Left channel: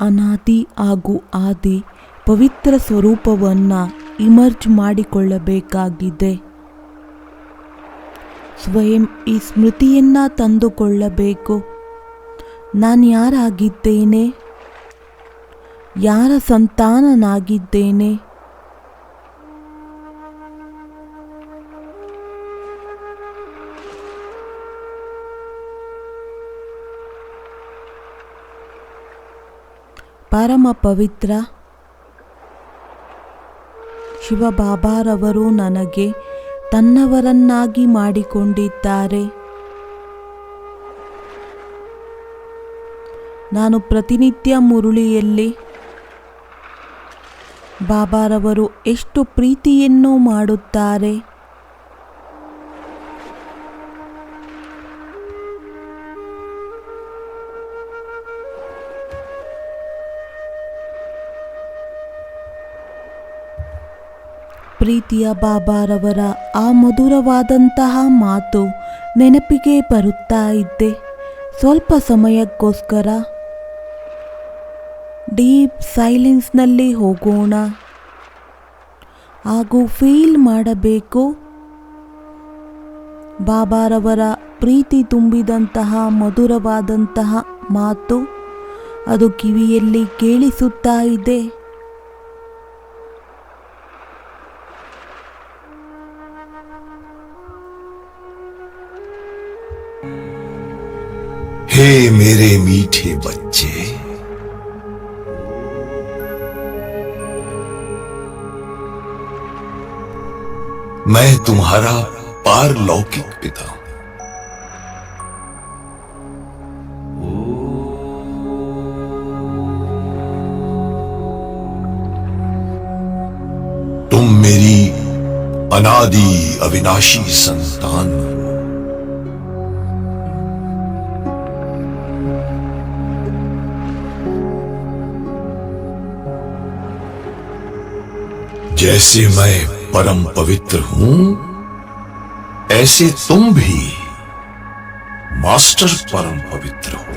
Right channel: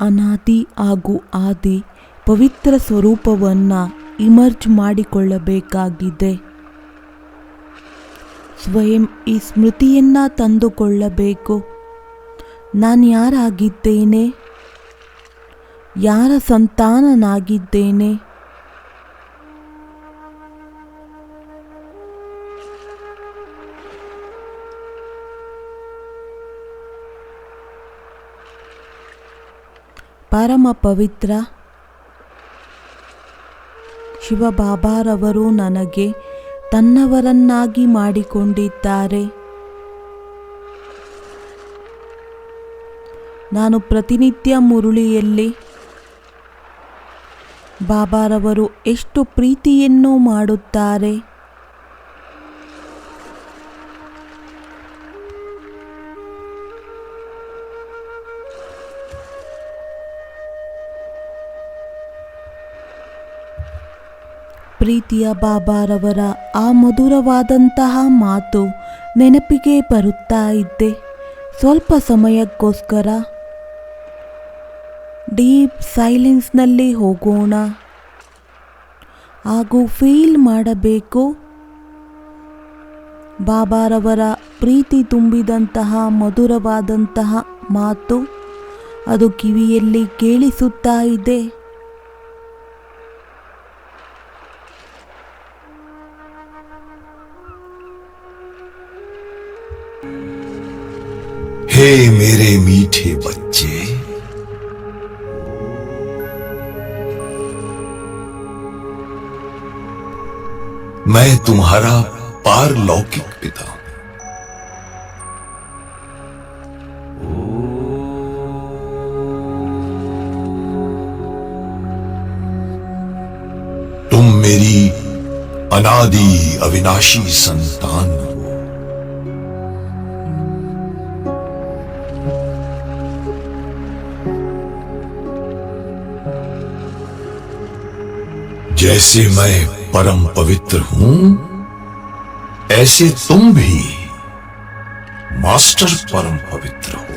ಅನಾದಿ ಹಾಗೂ ಆದಿ ಪವಿತ್ರ ಸ್ವರೂಪವನ್ನು ಇಮರ್ಜ್ ಮಾಡಿಕೊಳ್ಳಬೇಕಾಗಿದೆ. ಸ್ವಯಂ ಈ ಸ್ಮೃತಿಯನ್ನು ತಂದುಕೊಳ್ಳಬೇಕು. ನಾನು ಯಾರಾಗಿದ್ದೇನೆ, ಯಾರ ಸಂತಾನನಾಗಿದ್ದೇನೆ, ಪರಮ ಪವಿತ್ರ ಶಿವಬಾಬಾರವರು ನನಗೆ ತನ್ನವರನ್ನಾಗಿ ಮಾಡಿಕೊಂಡಿದ್ದಾರೆ. ನಾನು ಪ್ರತಿನಿತ್ಯ ಮುರುಳಿಯಲ್ಲಿ ಬಾಬಾರವರು ಎಷ್ಟು ಪ್ರೀತಿಯನ್ನು ಮಾಡುತ್ತಾರೆ, ಪ್ರೀತಿಯ ಬಾಬಾರವರ ಆ ಮಧುರವಾದಂತಹ ಮಾತು ನೆನಪಿಗೆ ಬರುತ್ತಾ ಇದ್ದೆ. ಸ್ವಲ್ಪ ಸಮಯಕ್ಕೋಸ್ಕರ ಡೀಪ್ ಸೈಲೆನ್ಸ್ನಲ್ಲಿ ಹೋಗೋಣ ಹಾಗೂ ಫೀಲ್ ಮಾಡಬೇಕು ಬಾಬಾರವರ ಪ್ರೀತಿ ತುಂಬಿದಂತಹ ಮಧುರವಾದಂತಹ ಮಾತು ಅದು ಕಿವಿಯಲ್ಲಿ ಕೇಳಿಸುತ್ತಾ ಇದೆ. हे मेरे मीठे बच्चे, मैं तुम्हारा पारलौकिक पिता हूं। तुम मेरी अनादि अविनाशी संतान हो। जैसे मैं परम पवित्र हूं, ऐसे तुम भी मास्टर परम पवित्र हो।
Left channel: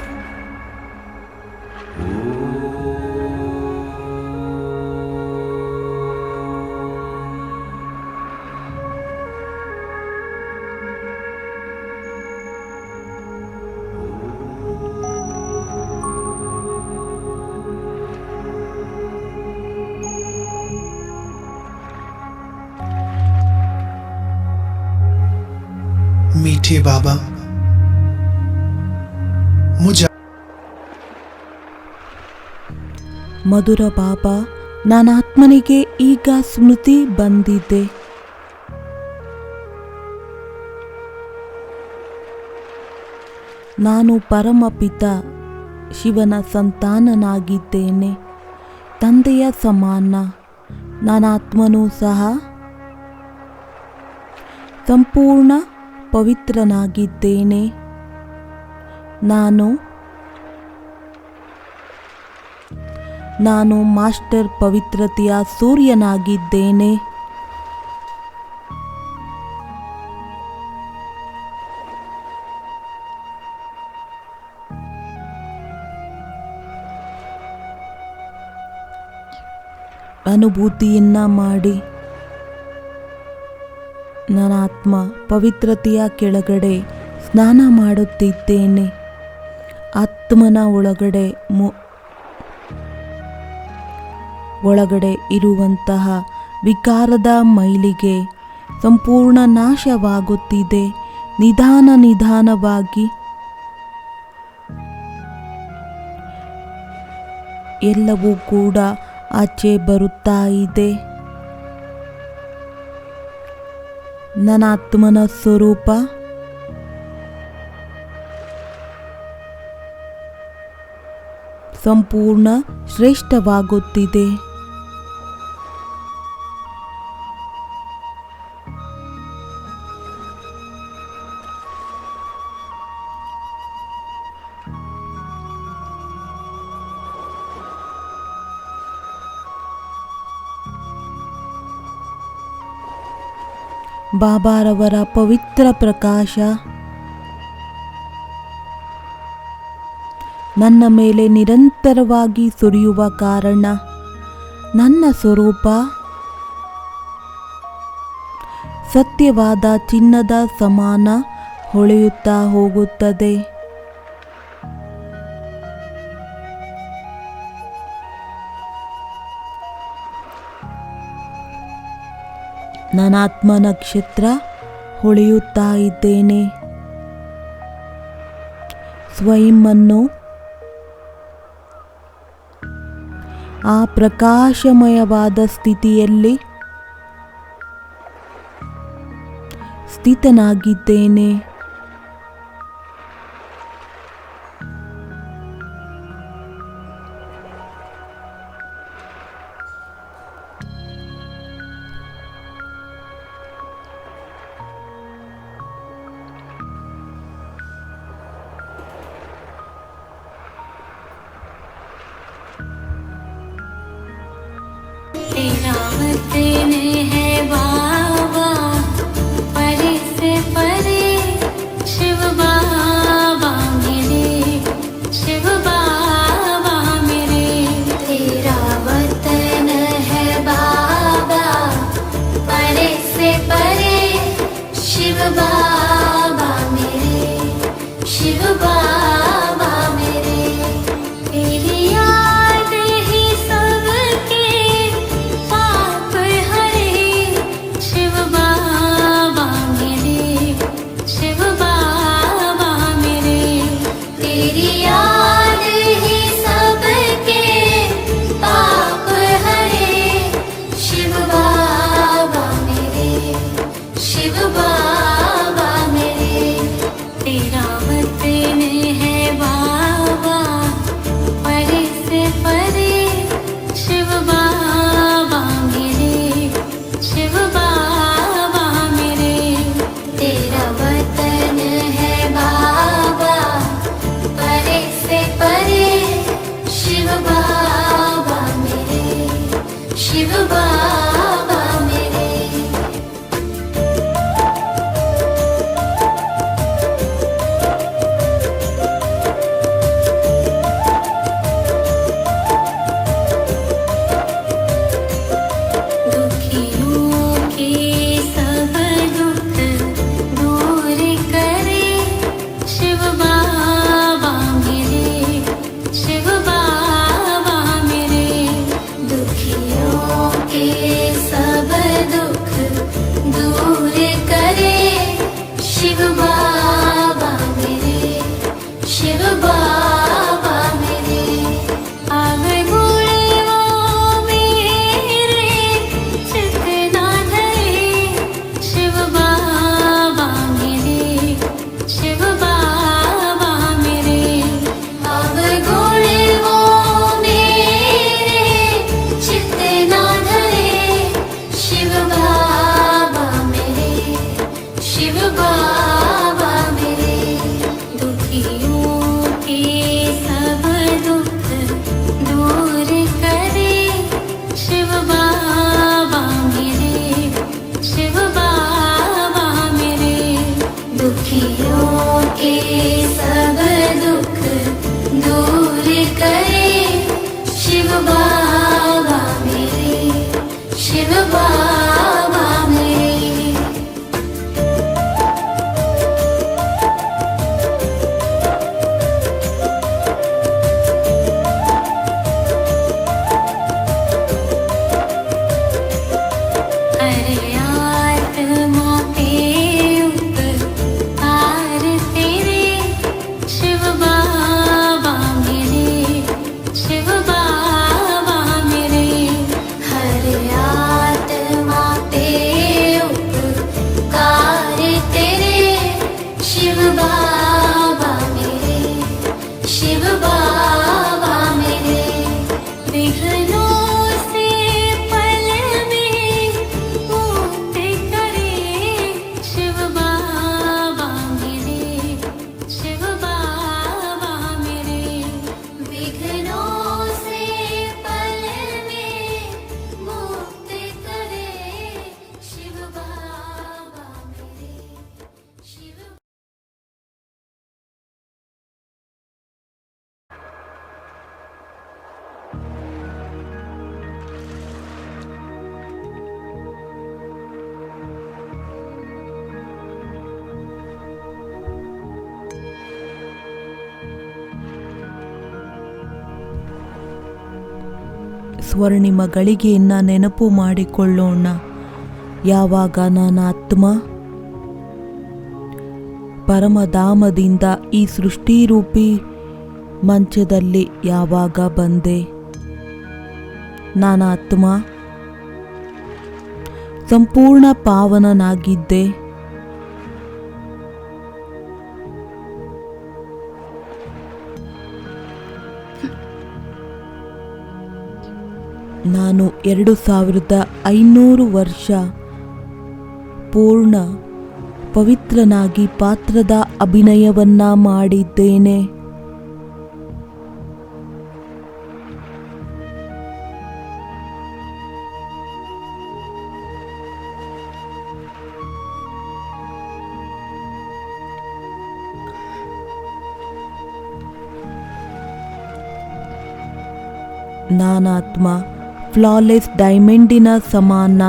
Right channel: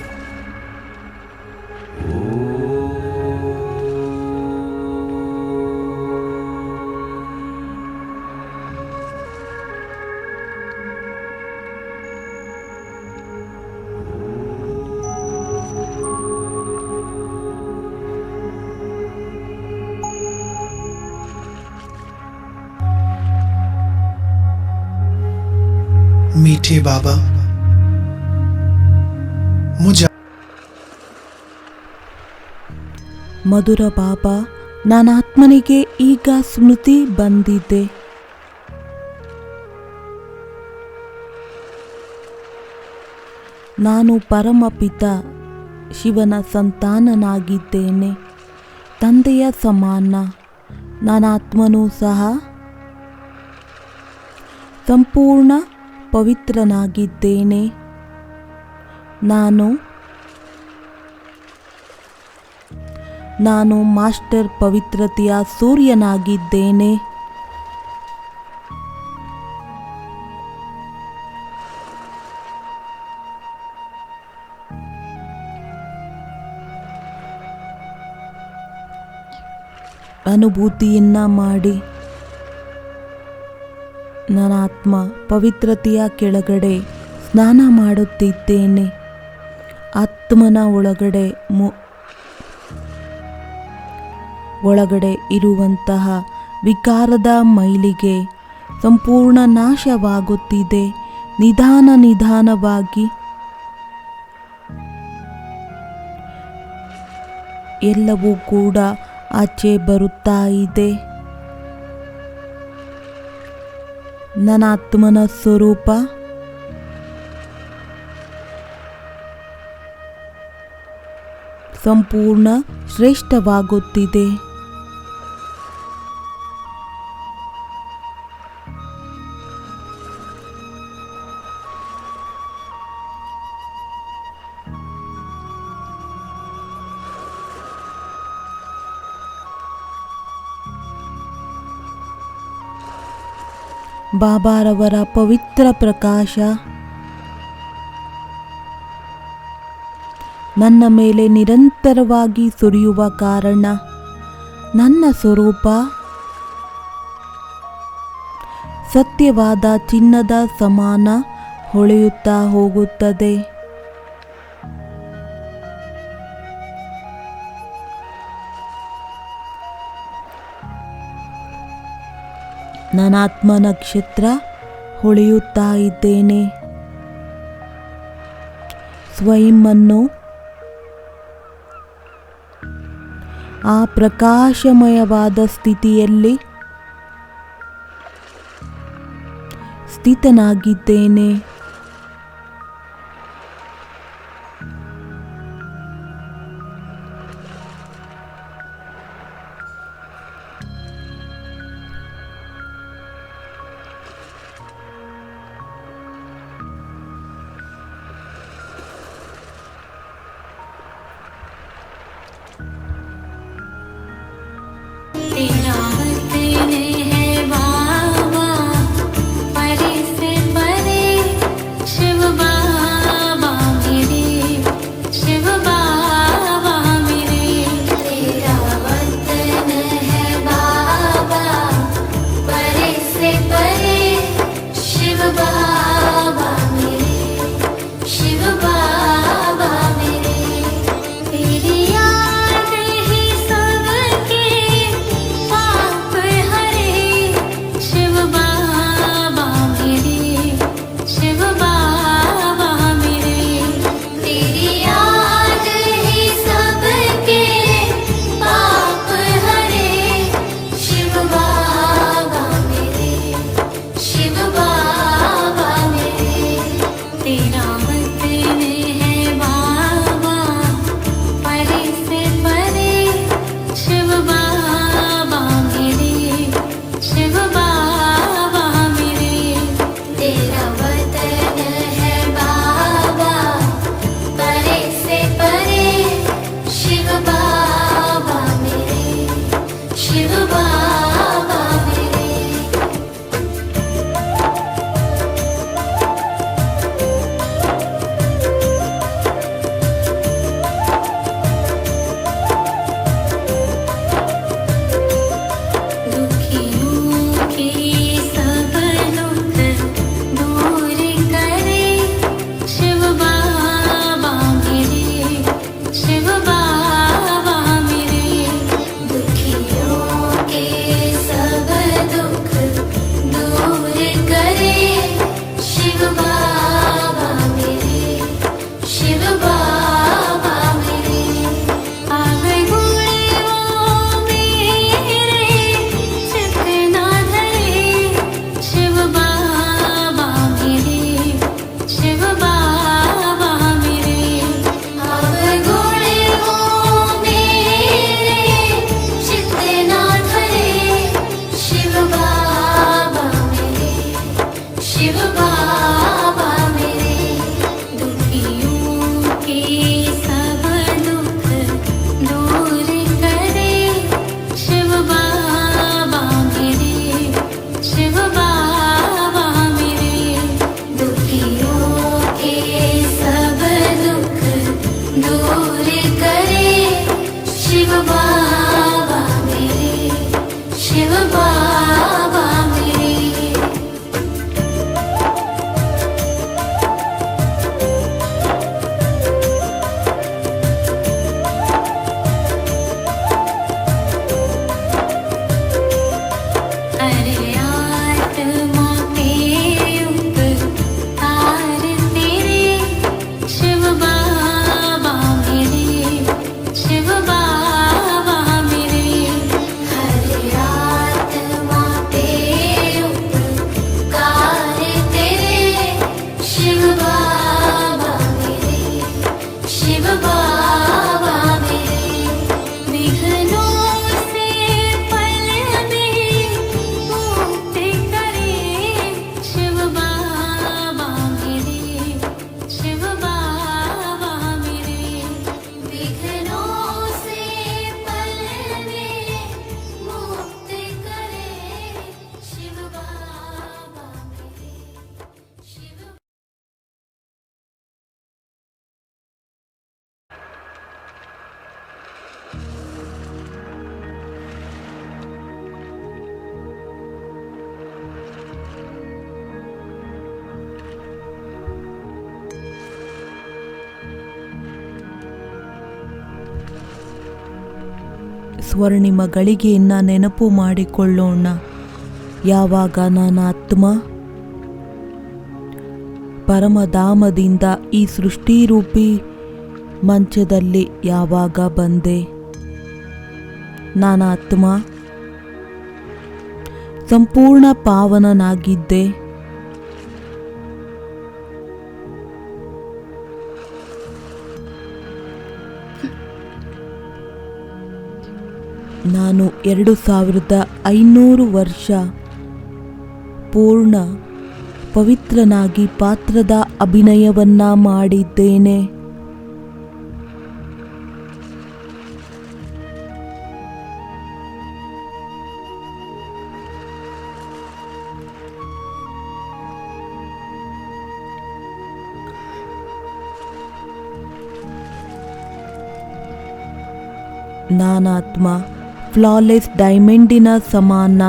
मीठे बाबा, मुझे ಮಧುರ ಬಾಬಾ, ನನ್ನ ಆತ್ಮನಿಗೆ ಈಗ ಸ್ಮೃತಿ ಬಂದಿದೆ. ನಾನು ಪರಮಪಿತ ಶಿವನ ಸಂತಾನನಾಗಿದ್ದೇನೆ. ತಂದೆಯ ಸಮಾನ ನನ್ನ ಆತ್ಮನೂ ಸಹ ಸಂಪೂರ್ಣ ಪವಿತ್ರನಾಗಿದ್ದೇನೆ. ನಾನು ಮಾಸ್ಟರ್ ಪವಿತ್ರತೆಯ ಸೂರ್ಯನಾಗಿದ್ದೇನೆ. ಅನುಭೂತಿಯನ್ನ ಮಾಡಿ ನನ್ನ ಆತ್ಮ ಪವಿತ್ರತೆಯ ಕೆಳಗಡೆ ಸ್ನಾನ ಮಾಡುತ್ತಿದ್ದೇನೆ. ಆತ್ಮನ ಒಳಗಡೆ ಇರುವಂತಹ ವಿಕಾರದ ಮೈಲಿಗೆ ಸಂಪೂರ್ಣ ನಾಶವಾಗುತ್ತಿದೆ. ನಿಧಾನವಾಗಿ ಎಲ್ಲವೂ ಕೂಡ ಆಚೆ ಬರುತ್ತಾ ಇದೆ. ನನ್ನ ಆತ್ಮನ ಸ್ವರೂಪ ಸಂಪೂರ್ಣ ಶ್ರೇಷ್ಠವಾಗುತ್ತಿದೆ. ಬಾಬಾರವರ ಪವಿತ್ರ ಪ್ರಕಾಶ ನನ್ನ ಮೇಲೆ ನಿರಂತರವಾಗಿ ಸುರಿಯುವ ಕಾರಣ ನನ್ನ ಸ್ವರೂಪ ಸತ್ಯವಾದ ಚಿನ್ನದ ಸಮಾನ ಹೊಳೆಯುತ್ತಾ ಹೋಗುತ್ತದೆ. ನಾನಾತ್ಮ ನಕ್ಷತ್ರ ಹೊಳೆಯುತ್ತಾ ಇದ್ದೇನೆ. ಸ್ವಯಂವನ್ನು ಆ ಪ್ರಕಾಶಮಯವಾದ ಸ್ಥಿತಿಯಲ್ಲಿ ಸ್ಥಿತನಾಗಿದ್ದೇನೆ. तेरा वतन है बाबा, परे से परे शिव बाबा मेरे, शिव बाबा मेरे। तेरा वतन है बाबा, परे से परे शिव बाबा मेरे, शिव बाबा मेरे। तेरी याद ही सबके पाप ಸ್ವರ್ಣಿಮ ಗಳಿಗೆಯನ್ನು ನೆನಪು ಮಾಡಿಕೊಳ್ಳೋಣ. ಯಾವಾಗ ನನ್ನ ಆತ್ಮ ಪರಮಧಾಮದಿಂದ ಈ ಸೃಷ್ಟಿರೂಪಿ ಮಂಚದಲ್ಲಿ ಯಾವಾಗ ಬಂದೆ, ನನ್ನ ಆತ್ಮ ಸಂಪೂರ್ಣ ಪಾವನನಾಗಿದ್ದೆ. ನಾನು 2500 ವರ್ಷ ಪೂರ್ಣ ಪವಿತ್ರನಾಗಿ ಪಾತ್ರದ ಅಭಿನಯವನ್ನ ಮಾಡಿದ್ದೇನೆ. ನಾನಾತ್ಮ ಫ್ಲಾಲೆಸ್ ಡೈಮಂಡಿನ ಸಮಾನ,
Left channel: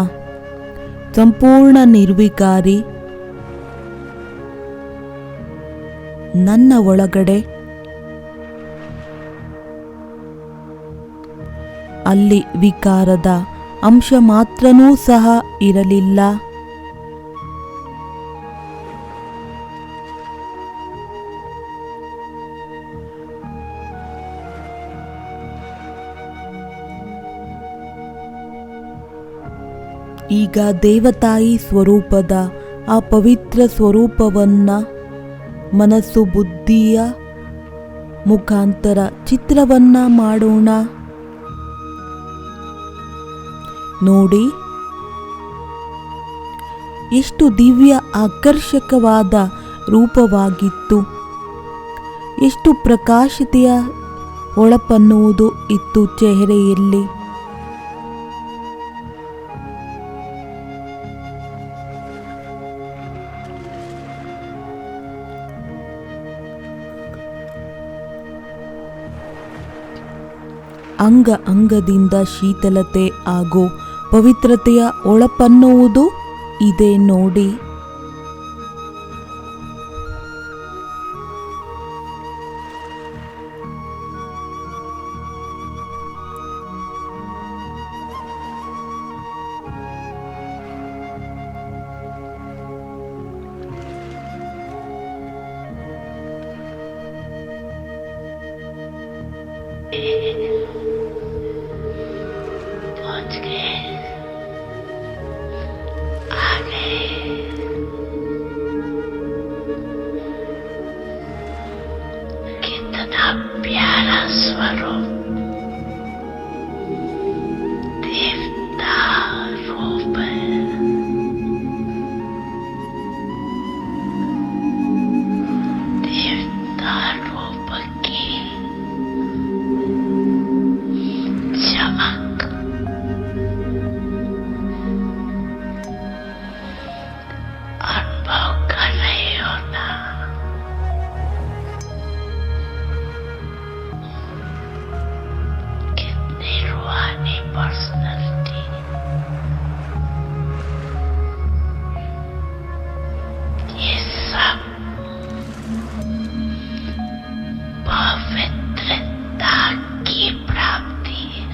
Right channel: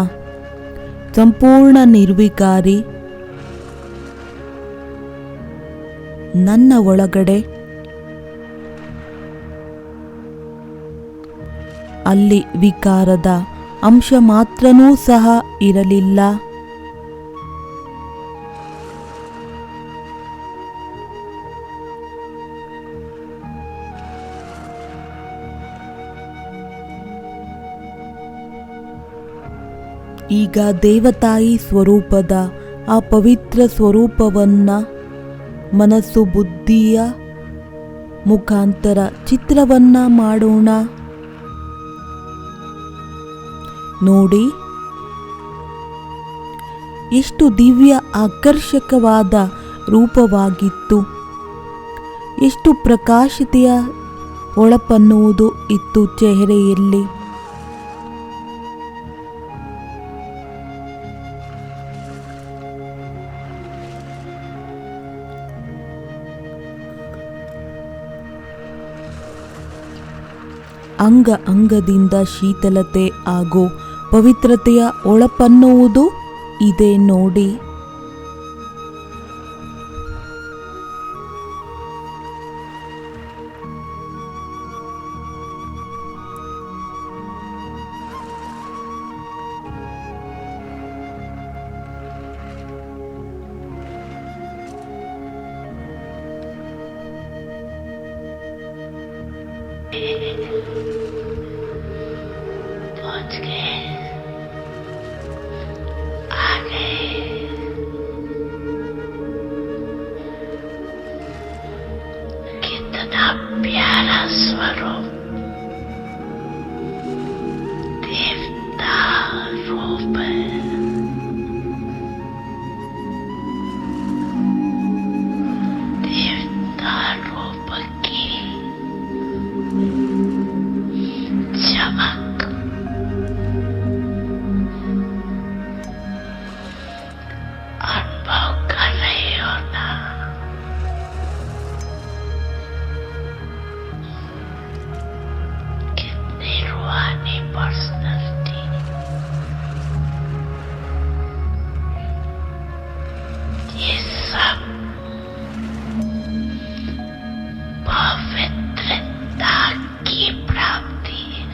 ಸಂಪೂರ್ಣ ನಿರ್ವಿಕಾರಿ. ನನ್ನ ಒಳಗಡೆ ಅಲ್ಲಿ ವಿಕಾರದ ಅಂಶ ಮಾತ್ರನೂ ಸಹ ಇರಲಿಲ್ಲ. ಈಗ ದೇವತಾಯಿ ಸ್ವರೂಪದ ಆ ಪವಿತ್ರ ಸ್ವರೂಪವನ್ನ ಮನಸ್ಸು ಬುದ್ಧಿಯ ಮುಖಾಂತರ ಚಿತ್ರವನ್ನ ಮಾಡೋಣ. ನೋಡಿ, ಎಷ್ಟು ದಿವ್ಯ ಆಕರ್ಷಕವಾದ ರೂಪವಾಗಿತ್ತು, ಎಷ್ಟು ಪ್ರಕಾಶತೆಯ ಹೊಳಪನ್ನುವುದು ಇತ್ತು ಚೆಹರೆಯಲ್ಲಿ. ಅಂಗ ಅಂಗದಿಂದ ಶೀತಲತೆ ಹಾಗೂ ಪವಿತ್ರತೆಯ ಒಳಪನ್ನುವುದು ಇದೆ ನೋಡಿ. पहुंच गए, आ गए। कितना प्यारा स्वरूप, देवता रूप है। देवता रूप की चमक अनुभव कर रहे हो ना। कितनी रूहानी पर्सनैलिटी, ये सब पवित्रता की प्राप्ति है।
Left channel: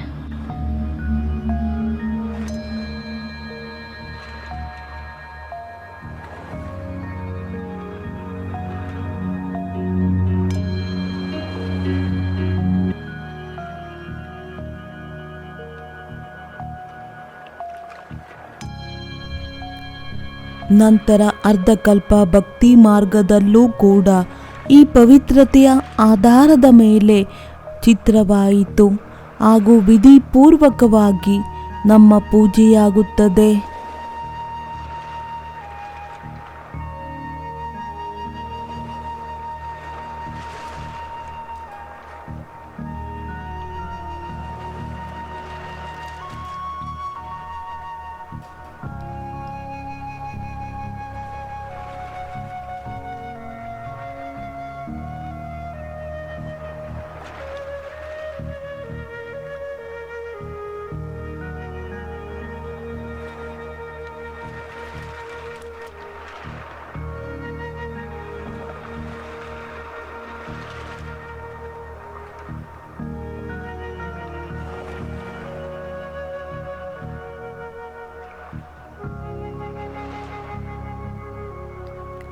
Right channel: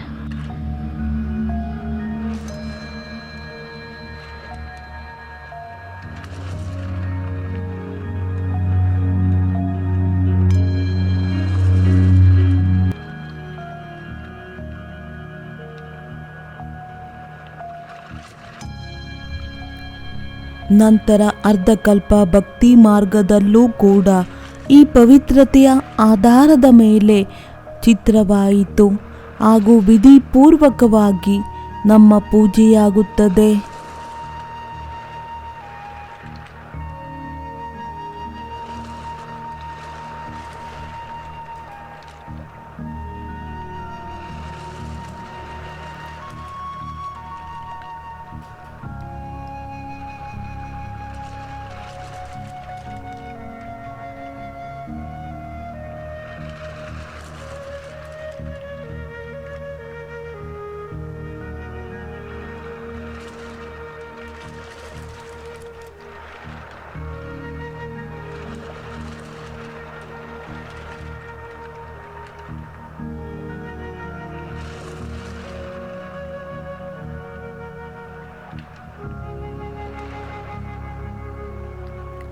ನಂತರ ಅರ್ಧಕಲ್ಪ ಭಕ್ತಿ ಮಾರ್ಗದಲ್ಲೂ ಕೂಡ ಈ ಪವಿತ್ರತೆಯ ಆಧಾರದ ಮೇಲೆ ಚಿತ್ರವಾಯಿತು ಹಾಗೂ ವಿಧಿಪೂರ್ವಕವಾಗಿ ನಮ್ಮ ಪೂಜೆಯಾಗುತ್ತದೆ.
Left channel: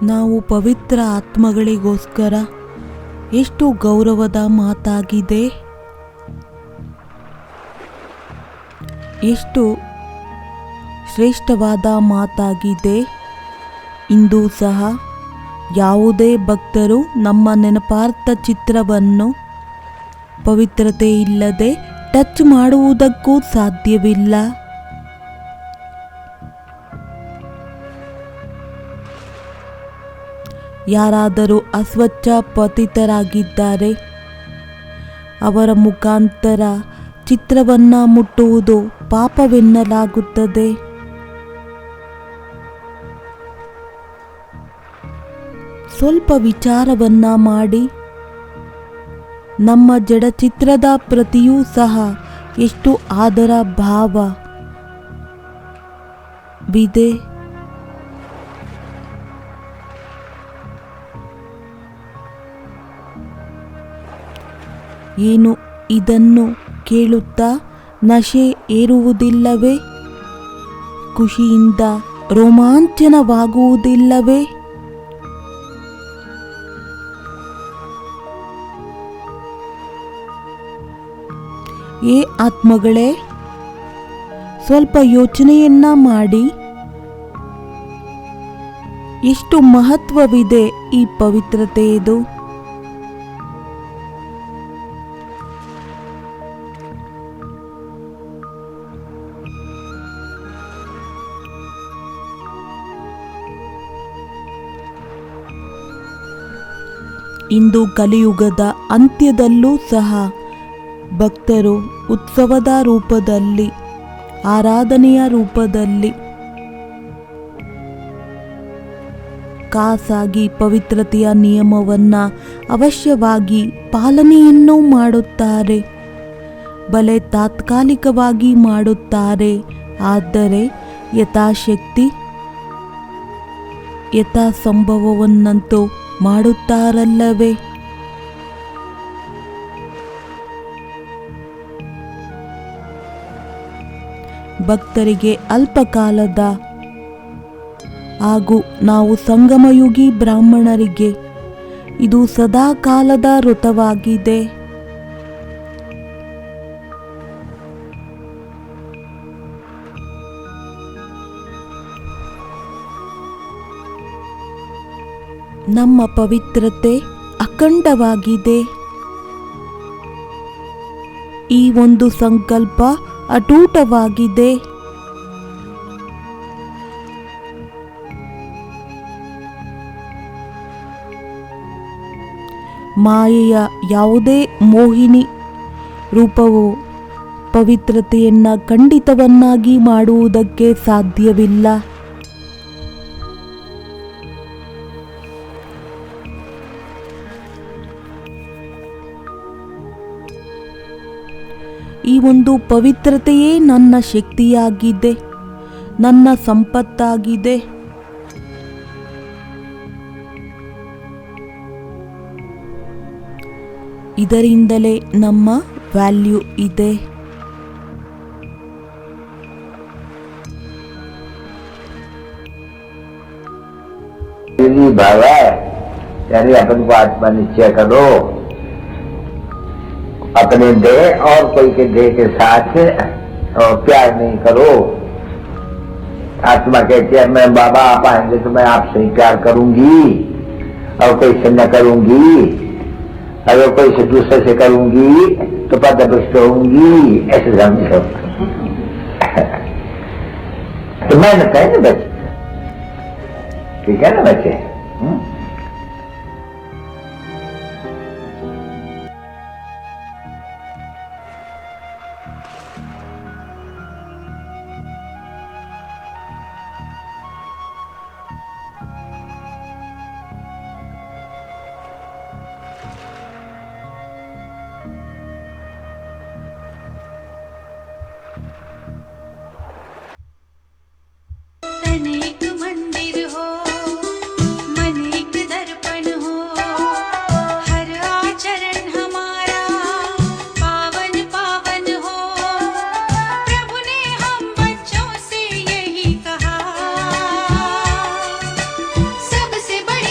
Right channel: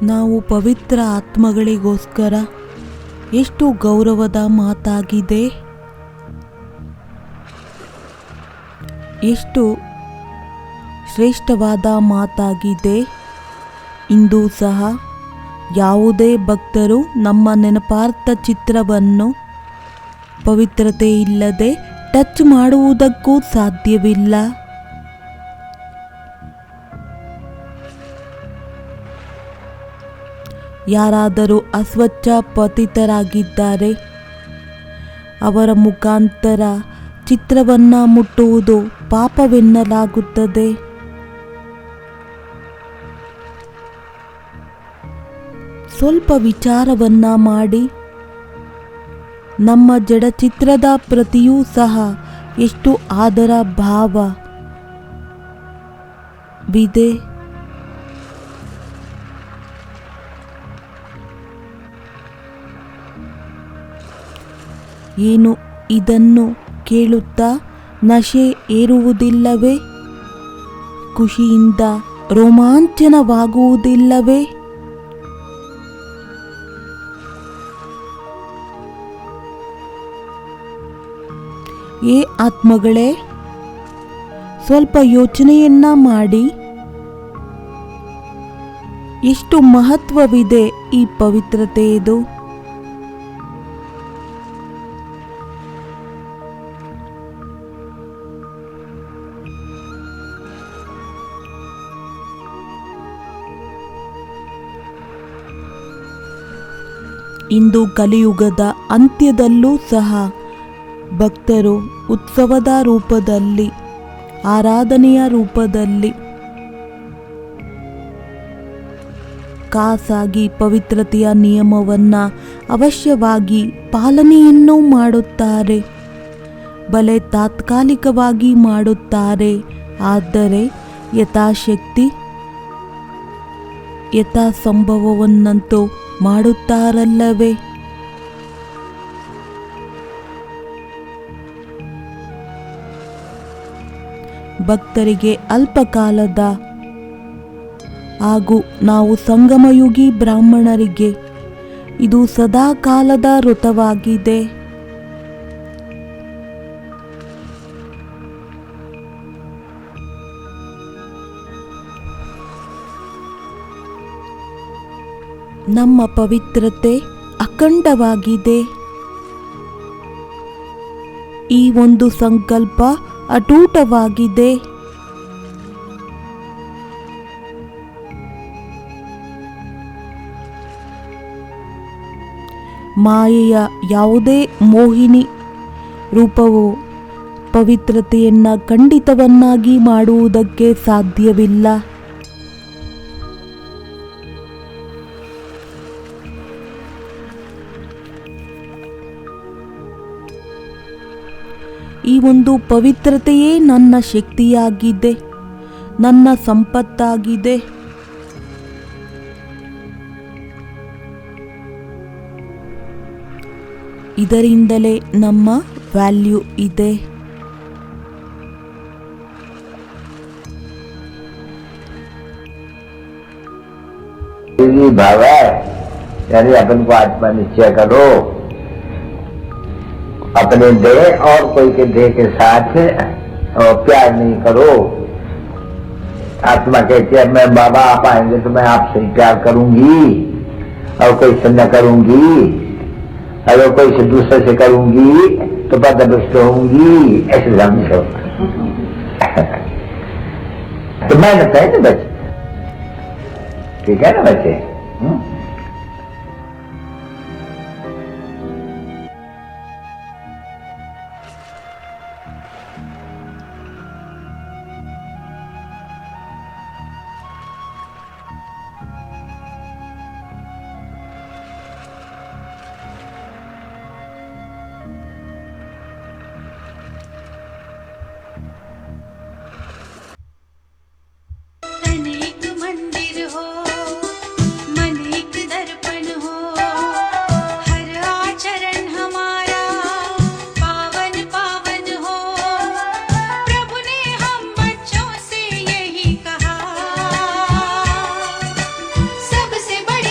ನಾವು ಪವಿತ್ರ ಆತ್ಮಗಳಿಗೋಸ್ಕರ ಎಷ್ಟು ಗೌರವದ ಮಾತಾಗಿದೆ, ಎಷ್ಟು ಶ್ರೇಷ್ಠವಾದ ಮಾತಾಗಿದೆ. ಇಂದು ಸಹ ಯಾವುದೇ ಭಕ್ತರು ನಮ್ಮ ನೆನಪಾರ್ಥ ಚಿತ್ರವನ್ನು ಪವಿತ್ರತೆ ಇಲ್ಲದೆ ಟಚ್ ಮಾಡುವುದಕ್ಕೂ ಸಾಧ್ಯವಿಲ್ಲ. ಯಾರಾದರೂ ಅಸ್ವಚ್ಛ ಪತಿತರಾಗಿದ್ದರೆ ಅವರ ಮುಖಾಂತರ ಚಿತ್ರವನ್ನು ಮುಟ್ಟುವುದು ಪಾಪವೆನ್ನಲಾಗುತ್ತದೆ. ಸ್ವಲ್ಪ ವಿಚಾರವನ್ನ ಮಾಡಿ, ನಮ್ಮ ಜಡಚಿತ್ರದ ಪ್ರತಿಯೂ ಸಹ ಎಷ್ಟು ಆದರ ಭಾವವಿದೆ. ಏನು ಇದನ್ನು ಕೇಳುತ್ತಾ ನಶೆ ಏರುವುದಿಲ್ಲವೇ? ಖುಷಿಯಿಂದ ರೋಮಾಂಚನವಾಗುವುದಿಲ್ಲವೇ? ಏ ಆತ್ಮಗಳೇ, ಸ್ವಲ್ಪ ಯೋಚನೆಯನ್ನ ಮಾಡಿ. ಎಷ್ಟು ಮಹತ್ವವಿದೆ ಈ ಪವಿತ್ರತೆಯದು. ಇಂದು ಕಲಿಯುಗದ ಅಂತ್ಯದಲ್ಲೂ ಸಹ ಭಕ್ತರು ಉತ್ಸವದ ರೂಪದಲ್ಲಿ, ಆರಾಧನೆಯ ರೂಪದಲ್ಲಿ ಖಾಸಾಗಿ ಪವಿತ್ರತೆಯ ನಿಯಮವನ್ನು ಅವಶ್ಯವಾಗಿ ಪಾಲನೆಯನ್ನು ಮಾಡುತ್ತಾರೆ. ಬಲೆ ತಾತ್ಕಾಲಿಕವಾಗಿ ಮಾಡುತ್ತಾರೆ, ಆದರೆ ಯಥಾಶಕ್ತಿ ಯಥಾ ಸಂಭವವನ್ನಂತೂ ಮಾಡುತ್ತಾರಲ್ಲವೇ? ಭಕ್ತರಿಗೆ ಅಲ್ಪಕಾಲದ ಹಾಗೂ ನಾವು ಸಂಗಮಯುಗಿ ಬ್ರಾಹ್ಮಣರಿಗೆ ಇದು ಸದಾ ಕಾಲದ ವ್ರತವಾಗಿದೆ. ನಮ್ಮ ಪವಿತ್ರತೆ ಅಖಂಡವಾಗಿದೆ. ಈ ಒಂದು ಸಂಕಲ್ಪ ಅಟೂಟವಾಗಿದೆ. ಮಾಯೆಯ ಯಾವುದೇ ಮೋಹಿನಿ ರೂಪವು ಪವಿತ್ರತೆಯನ್ನು ಖಂಡಿತವನ್ನಾಗಿ ಮಾಡುವುದಕ್ಕೆ ಸಾಧ್ಯವಿಲ್ಲ. ಈ ಒಂದು ಪವಿತ್ರತೆಯೇ ನನ್ನ ಶಕ್ತಿಯಾಗಿದೆ, ನನ್ನ ಸಂಪತ್ತಾಗಿದೆ. ಇದರಿಂದಲೇ ನಮ್ಮ ವ್ಯಾಲ್ಯೂ ಇದೆ. भाव है यानी अपन को आत्मा निश्चय करो, अपने देह और कोई के देह के साथ प्यार नहीं करो। आत्मा कहती है मैं बाबा आप आएंगे तो मैं आपसे ही प्यार करूंगी और कोई से न करूंगी, अगर कोई से दूसरे से करूंगी तो पदभ्रष्ट होंगी, ऐसे समझो। तो मेहनत है ना बच्चे, ठीक है ना बच्चे? अनेक मंदिर हो, मन एक दर्पण हो, हर आचरण हमारा पावन पावन हो। प्रभु ने हम बच्चों से यही कहा, सबसे बड़ी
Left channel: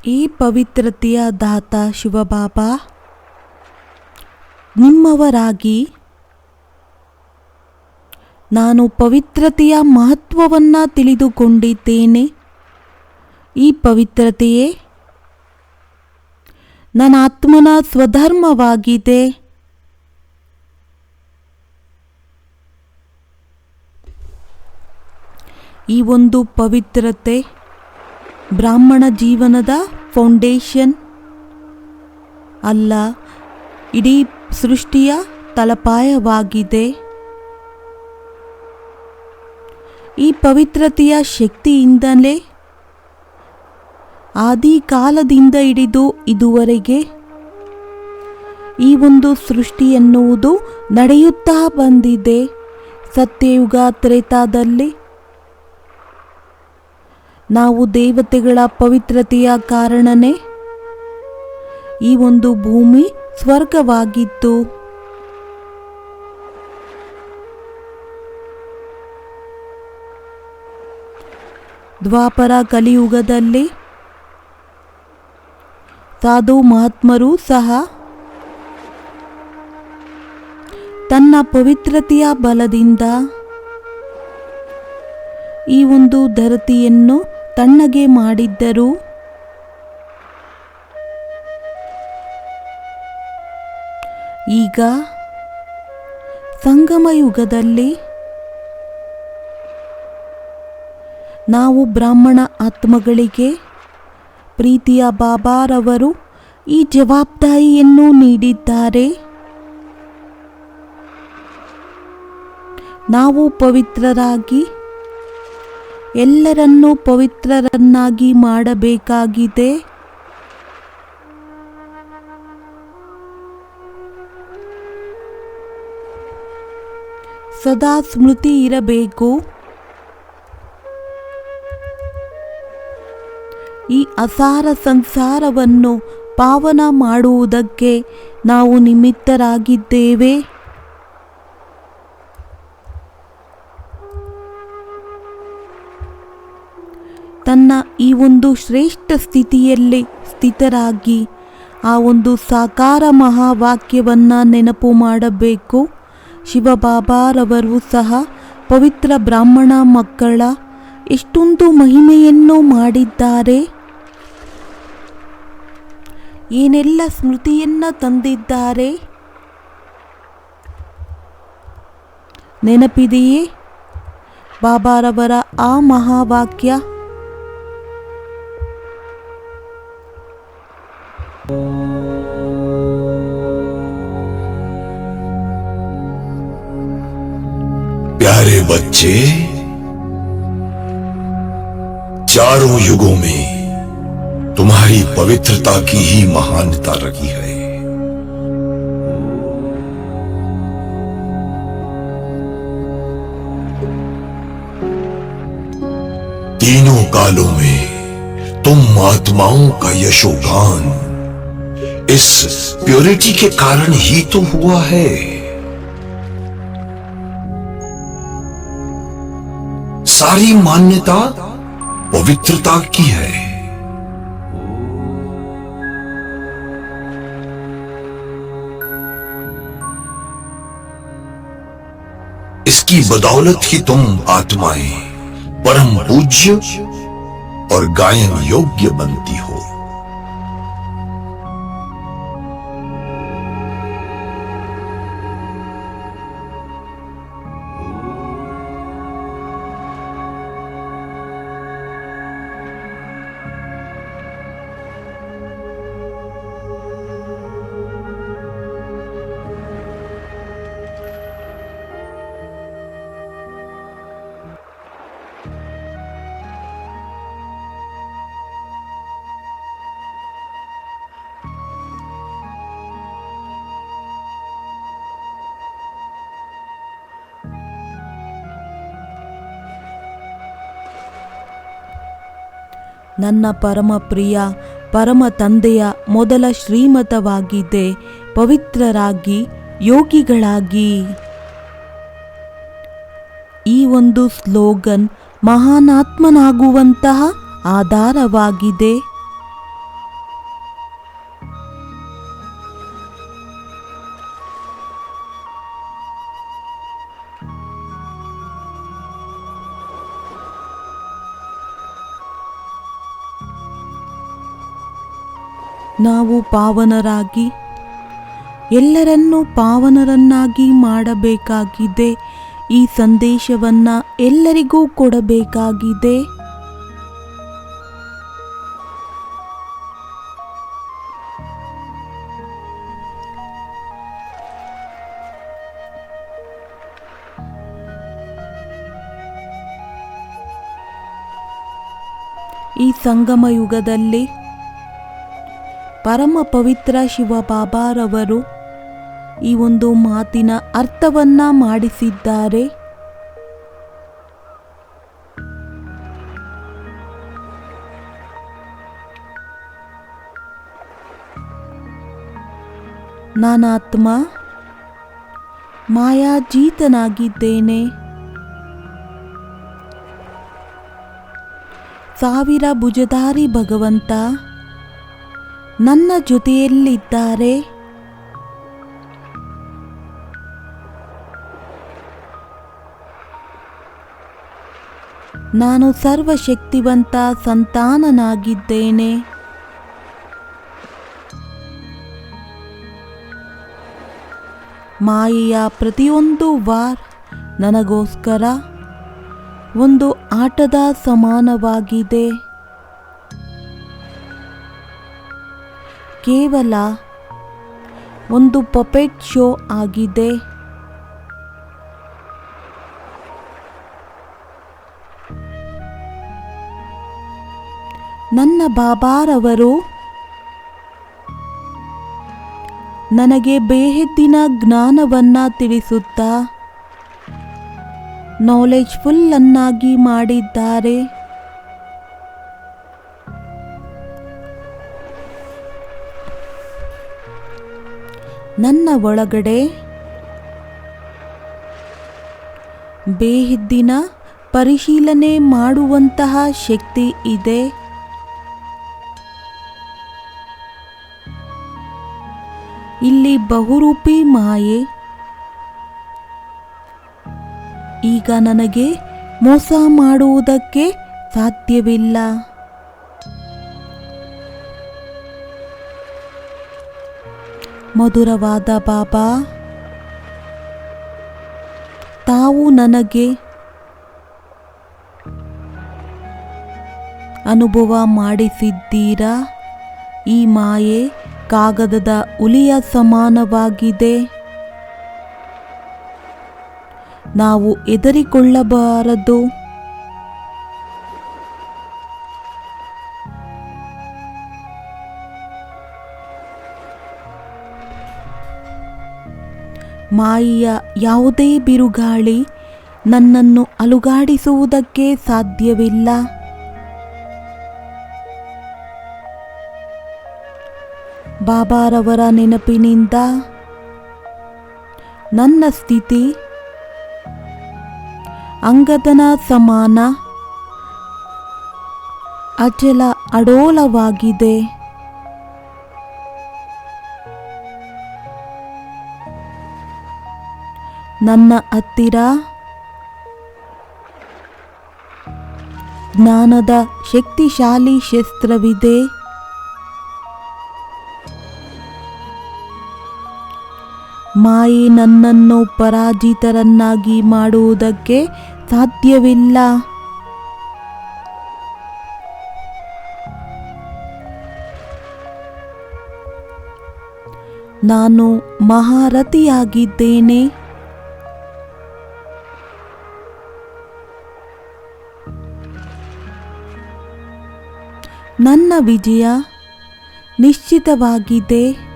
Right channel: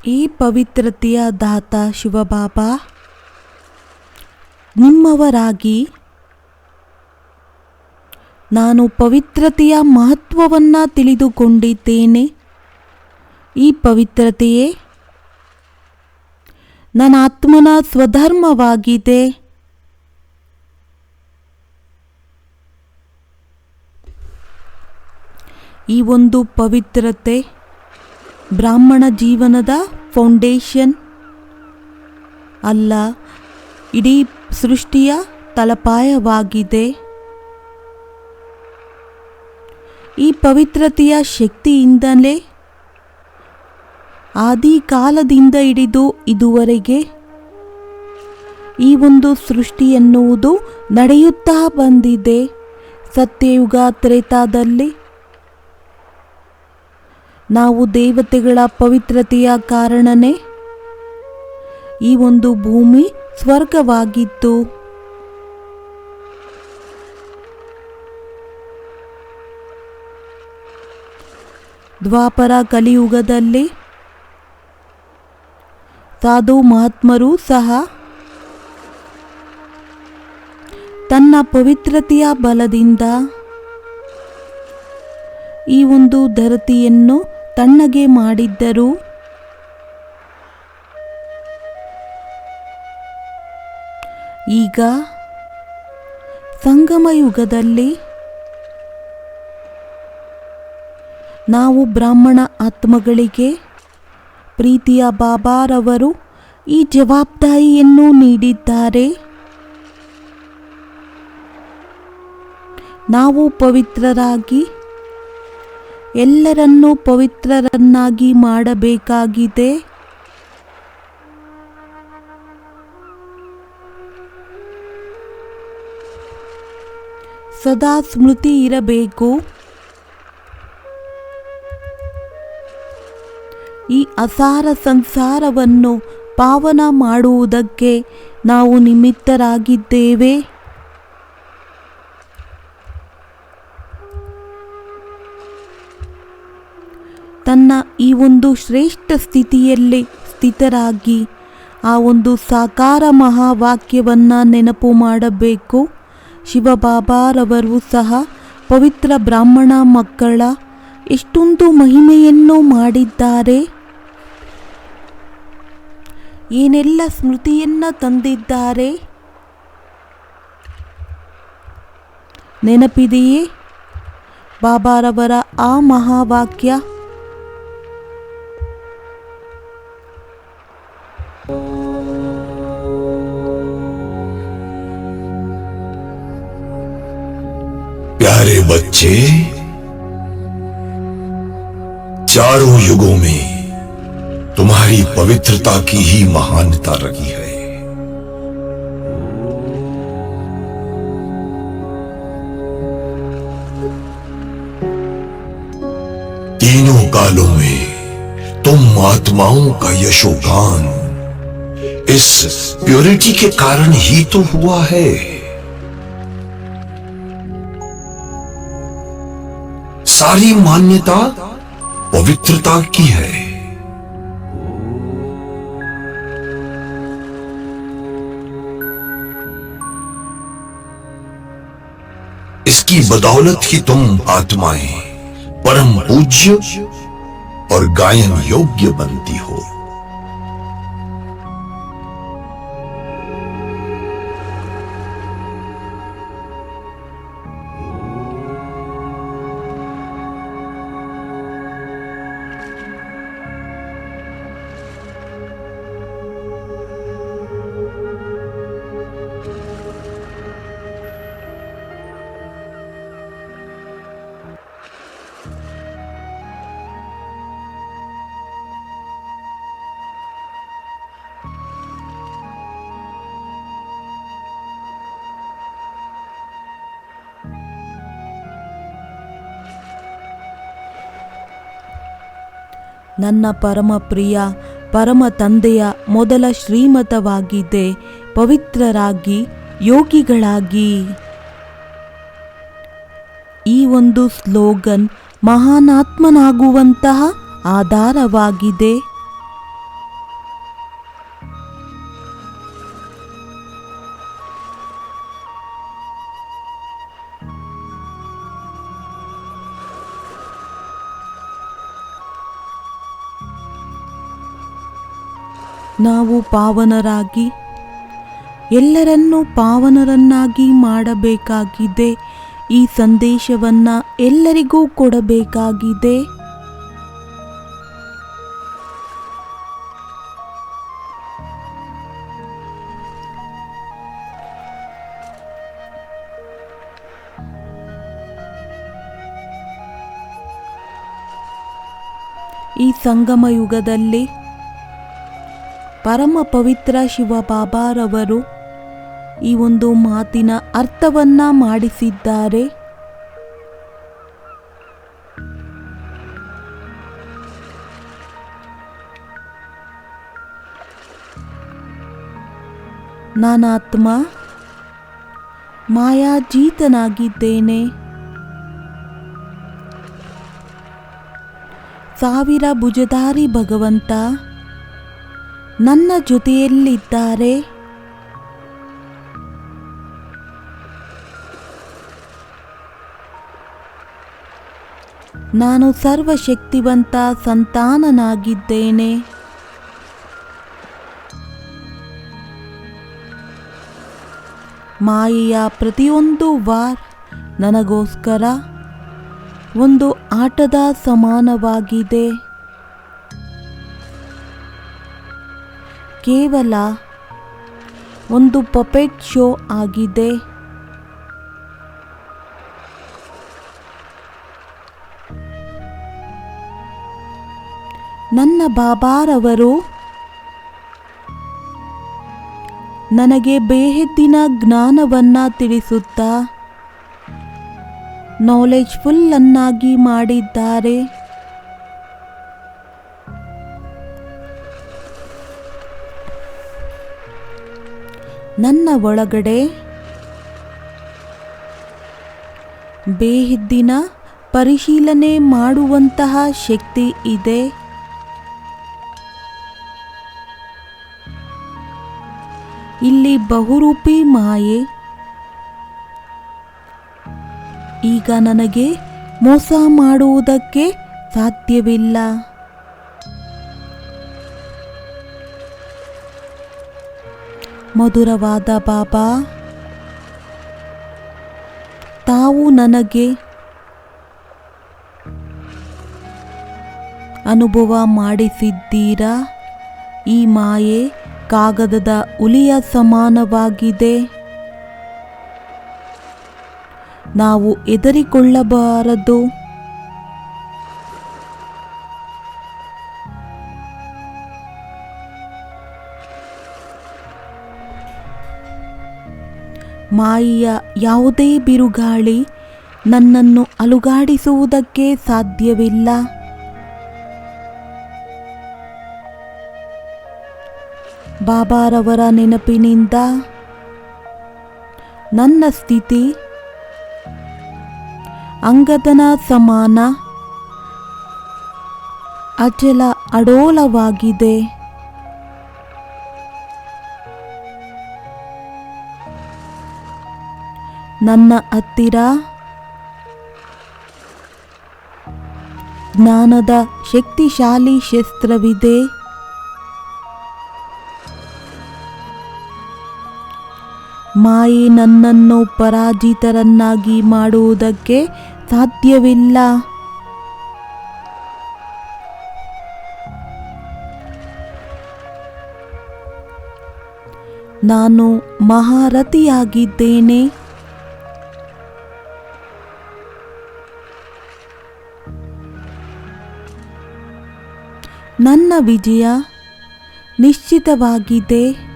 ಈ ಪವಿತ್ರತೆಯ ದಾತ ಶಿವಬಾಬಾ ನಿಮ್ಮವರಾಗಿ ನಾನು ಪವಿತ್ರತೆಯ ಮಹತ್ವವನ್ನು ತಿಳಿದುಕೊಂಡಿದ್ದೇನೆ. ಈ ಪವಿತ್ರತೆಯೇ ನನ್ನ ಆತ್ಮನ ಸ್ವಧರ್ಮವಾಗಿದೆ. ಈ ಒಂದು ಪವಿತ್ರತೆ ಬ್ರಾಹ್ಮಣ ಜೀವನದ ಫೌಂಡೇಶನ್ ಅಲ್ಲ, ಇಡೀ ಸೃಷ್ಟಿಯ ತಳಪಾಯವಾಗಿದೆ. ಈ ಪವಿತ್ರತೆಯ ಶಕ್ತಿಯಿಂದಲೇ ಆದಿ ಕಾಲದಿಂದ ಹಿಡಿದು ಇದುವರೆಗೆ ಈ ಒಂದು ಸೃಷ್ಟಿ ಎನ್ನುವುದು ನಡೆಯುತ್ತಾ ಬಂದಿದೆ. ಸತ್ಯಯುಗ ತ್ರೇತಾದಲ್ಲಿ ನಾವು ದೇವತೆಗಳ ಪವಿತ್ರತೆಯ ಕಾರಣನೇ ಈ ಒಂದು ಭೂಮಿ ಸ್ವರ್ಗವಾಗಿತ್ತು. ದ್ವಾಪರ ಕಲಿಯುಗದಲ್ಲಿ ಸಾಧು ಮಹಾತ್ಮರು ಸಹ ತನ್ನ ಪವಿತ್ರತೆಯ ಬಲದಿಂದ ಈ ಒಂದು ಧರತಿಯನ್ನು ತಣ್ಣಗೆ ಮಾಡಿದ್ದರು. ಈಗ ಸಂಗಮ ಯುಗದಲ್ಲಿ ನಾವು ಬ್ರಾಹ್ಮಣ ಆತ್ಮಗಳಿಗೆ ಪ್ರೀತಿಯ ಬಾಬಾರವರು ಈ ಜವಾಬ್ದಾರಿಯನ್ನು ನೀಡಿದ್ದಾರೆ. ನಾವು ಪವಿತ್ರರಾಗಿ ಎಲ್ಲರನ್ನೂ ಪವಿತ್ರರನ್ನಾಗಿ ಮಾಡಬೇಕಾಗಿದೆ. ಸದಾ ಸ್ಮೃತಿ ಇರಬೇಕು. ಈ ಅಸಾರ ಸಂಸಾರವನ್ನು ಪಾವನ ಮಾಡುವುದಕ್ಕೆ ನಾವು ನಿಮಿತ್ತರಾಗಿದ್ದೇವೆ. ತನ್ನ ಈ ಒಂದು ಶ್ರೇಷ್ಠ ಸ್ಥಿತಿಯಲ್ಲಿ ಸ್ಥಿತರಾಗಿ ಆ ಒಂದು ಸಾಕಾರ ಮಹಾವಾಕ್ಯವನ್ನು ನೆನಪು ಮಾಡಬೇಕು. ಶಿವಬಾಬಾರವರು ಸಹ ಪವಿತ್ರ ಬ್ರಾಹ್ಮಣ ಮಕ್ಕಳ ಎಷ್ಟೊಂದು ಮಹಿಮೆಯನ್ನು ಮಾಡಿದ್ದಾರೆ, ಏನೆಲ್ಲ ಸ್ಮೃತಿಯನ್ನು ತಂದಿದ್ದಾರೆ ನೆನಪಿದೆಯೇ? ಬಾಬಾರವರ ಆ ಮಹಾವಾಕ್ಯ प्यारे बच्चे, चारों युगों में तुम्हारी पवित्रता की ही महानता रही है। तीनों कालों में तुम आत्माओं का यशोगान इस प्योरिटी के कारण ही तो हुआ है। सारी मान्यता पवित्रता की है। इसकी बदौलत ही तुम आत्माएं परम पूज्य और गायन योग्य बनती हो। ನನ್ನ ಪರಮ ಪ್ರಿಯ ಪರಮ ತಂದೆಯ ಮೊದಲ ಶ್ರೀಮತವಾಗಿದೆ ಪವಿತ್ರರಾಗಿ ಯೋಗಿಗಳಾಗಿ. ಈ ಒಂದು ಸ್ಲೋಗನ್ ಮಹಾನಾತ್ಮನಾಗುವಂತಹ ಆಧಾರವಾಗಿದೆ. ನಾವು ಪಾವನರಾಗಿ ಎಲ್ಲರನ್ನೂ ಪಾವನರನ್ನಾಗಿ ಮಾಡಬೇಕಾಗಿದೆ. ಈ ಸಂದೇಶವನ್ನು ಎಲ್ಲರಿಗೂ ಕೊಡಬೇಕಾಗಿದೆ. ಈ ಸಂಗಮ ಯುಗದಲ್ಲಿ ಪರಮ ಪವಿತ್ರ ಶಿವಬಾಬಾರವರು ಈ ಒಂದು ಮಾತಿನ ಅರ್ಥವನ್ನ ಮಾಡಿಸಿದ್ದಾರೆ. ನಾನಾತ್ಮ ಮಾಯಾಜೀತನಾಗಿದ್ದೇನೆ. ಸಾವಿರ ಭುಜಧಾರಿ ಭಗವಂತ ನನ್ನ ಜೊತೆಯಲ್ಲಿದ್ದಾರೆ. ನಾನು ಸರ್ವಶಕ್ತಿವಂತ ಸಂತಾನನಾಗಿದ್ದೇನೆ. ಮಾಯೆಯ ಪ್ರತಿಯೊಂದು ವಾರ್ ನನಗೋಸ್ಕರ ಒಂದು ಆಟದ ಸಮಾನವಾಗಿದೆ. ಕೇವಲ ಒಂದು ಪಪೆಟ್ ಶೋ ಆಗಿದೆ. ನನ್ನ ಬಾಬಾರವರು ನನಗೆ ಬೇಹದ್ದಿನ ಜ್ಞಾನವನ್ನ ತಿಳಿಸುತ್ತಾ ನಾಲೆಜ್ಫುಲ್ ಅನ್ನಾಗಿ ಮಾಡಿದ್ದಾರೆ. ನನ್ನ ಒಳಗಡೆ ಬೇಹದ್ದಿನ ಪರಿಶೀಲನೆ ಮಾಡುವಂತಹ ಶಕ್ತಿ ಇದೆ. ಇಲ್ಲಿ ಬಹುರೂಪಿ ಮಾಯೆ ಈಗ ನನಗೆ ಮೋಸ ಮಾಡುವುದಕ್ಕೆ ಸಾಧ್ಯವಿಲ್ಲ. ಮಧುರವಾದ ಬಾಬಾ, ತಾವು ನನಗೆ ಅನುಭವ ಮಾಡಿಸಿದ್ದೀರಾ. ಈ ಮಾಯೆ ಕಾಗದದ ಹುಲಿಯ ಸಮಾನವಾಗಿದೆ. ನಾವು ಹೆದರಿಕೊಳ್ಳಬಾರದು. ಮಾಯೆಯ ಯಾವುದೇ ಬಿರುಗಾಳಿ ನನ್ನನ್ನು ಅಲುಗಾಡಿಸುವುದಕ್ಕೆ ಸಾಧ್ಯವಿಲ್ಲ. ಬಾಬಾರವರ ನೆನಪಿನಿಂದ ನನ್ನ ಸ್ಥಿತಿ ಅಂಗದನ ಸಮಾನ ಅಚಲ ಅಡೋಲವಾಗಿದೆ. ನನ್ನ ಹತ್ತಿರ ಜ್ಞಾನದ ಶಕ್ತಿಶಾಲಿ ಶಸ್ತ್ರವಿದೆ. ಮಾಯೆ ನನ್ನನ್ನು ಪರಾಜಿತರನ್ನಾಗಿ ಮಾಡುವುದಕ್ಕೆ ಸಾಧ್ಯವಿಲ್ಲ. ನಾನು ಮಹಾರಥಿಯಾಗಿದ್ದೇನೆ. ನನ್ನ ವಿಜಯ ನಿಶ್ಚಿತವಾಗಿದೆ.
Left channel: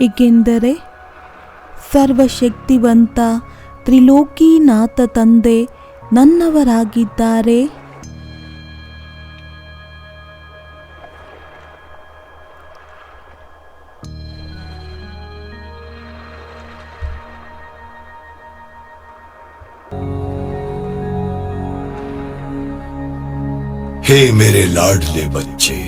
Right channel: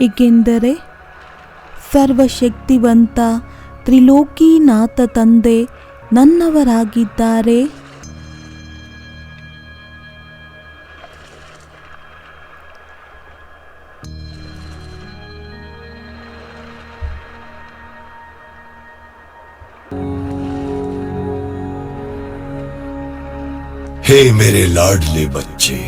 ಏಕೆಂದರೆ ಸರ್ವಶಕ್ತಿವಂತ ತ್ರಿಲೋಕಿನಾಥ ತಂದೆ ನನ್ನವರಾಗಿದ್ದಾರೆ. हे मेरे लाडले बच्चे,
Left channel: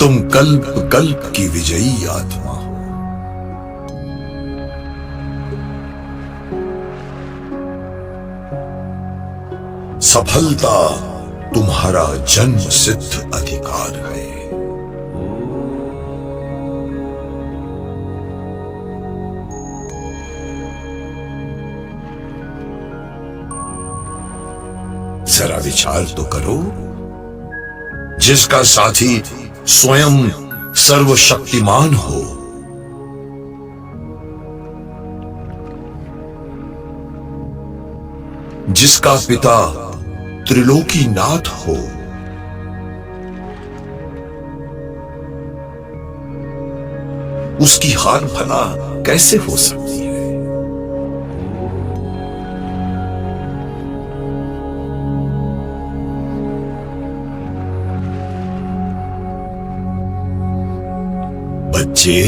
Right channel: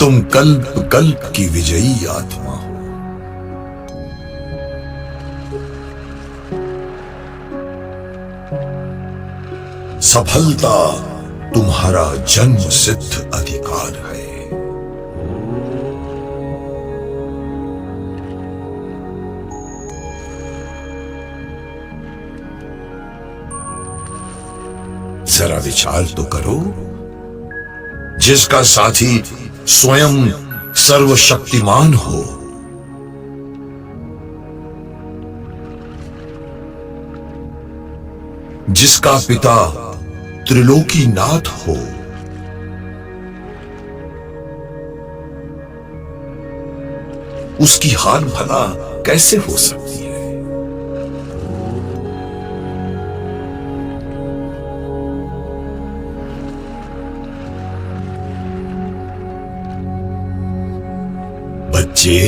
तुम कल्प कल्प की विजयी आत्मा हो। सफलता तुम्हारा जन्म सिद्ध अधिकार है। जरा विचार तो करो, जिसका साथी स्वयं सर्वशक्तिमान हो, जिसका पिता त्रिलोकीनाथ हो, उसकी हार भला कैसे हो सकती है? बच्चे,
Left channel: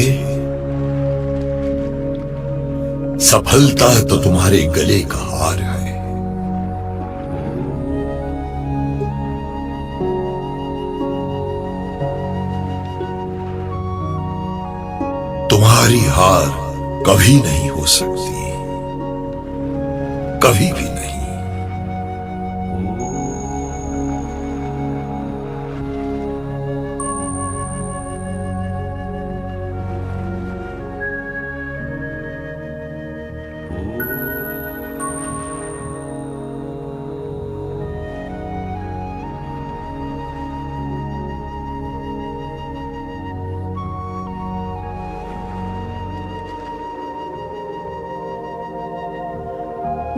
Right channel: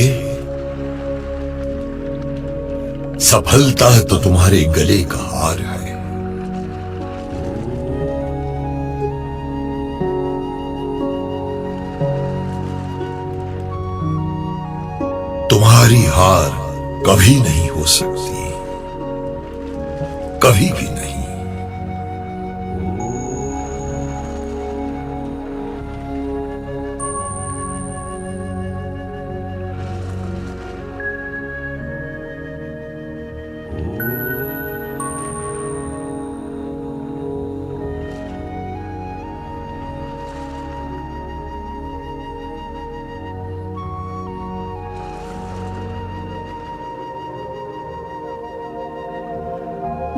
सफलता तो तुम्हारे गले का हार है। तुम्हारी हार कभी नहीं हो सकती, कभी भी नहीं।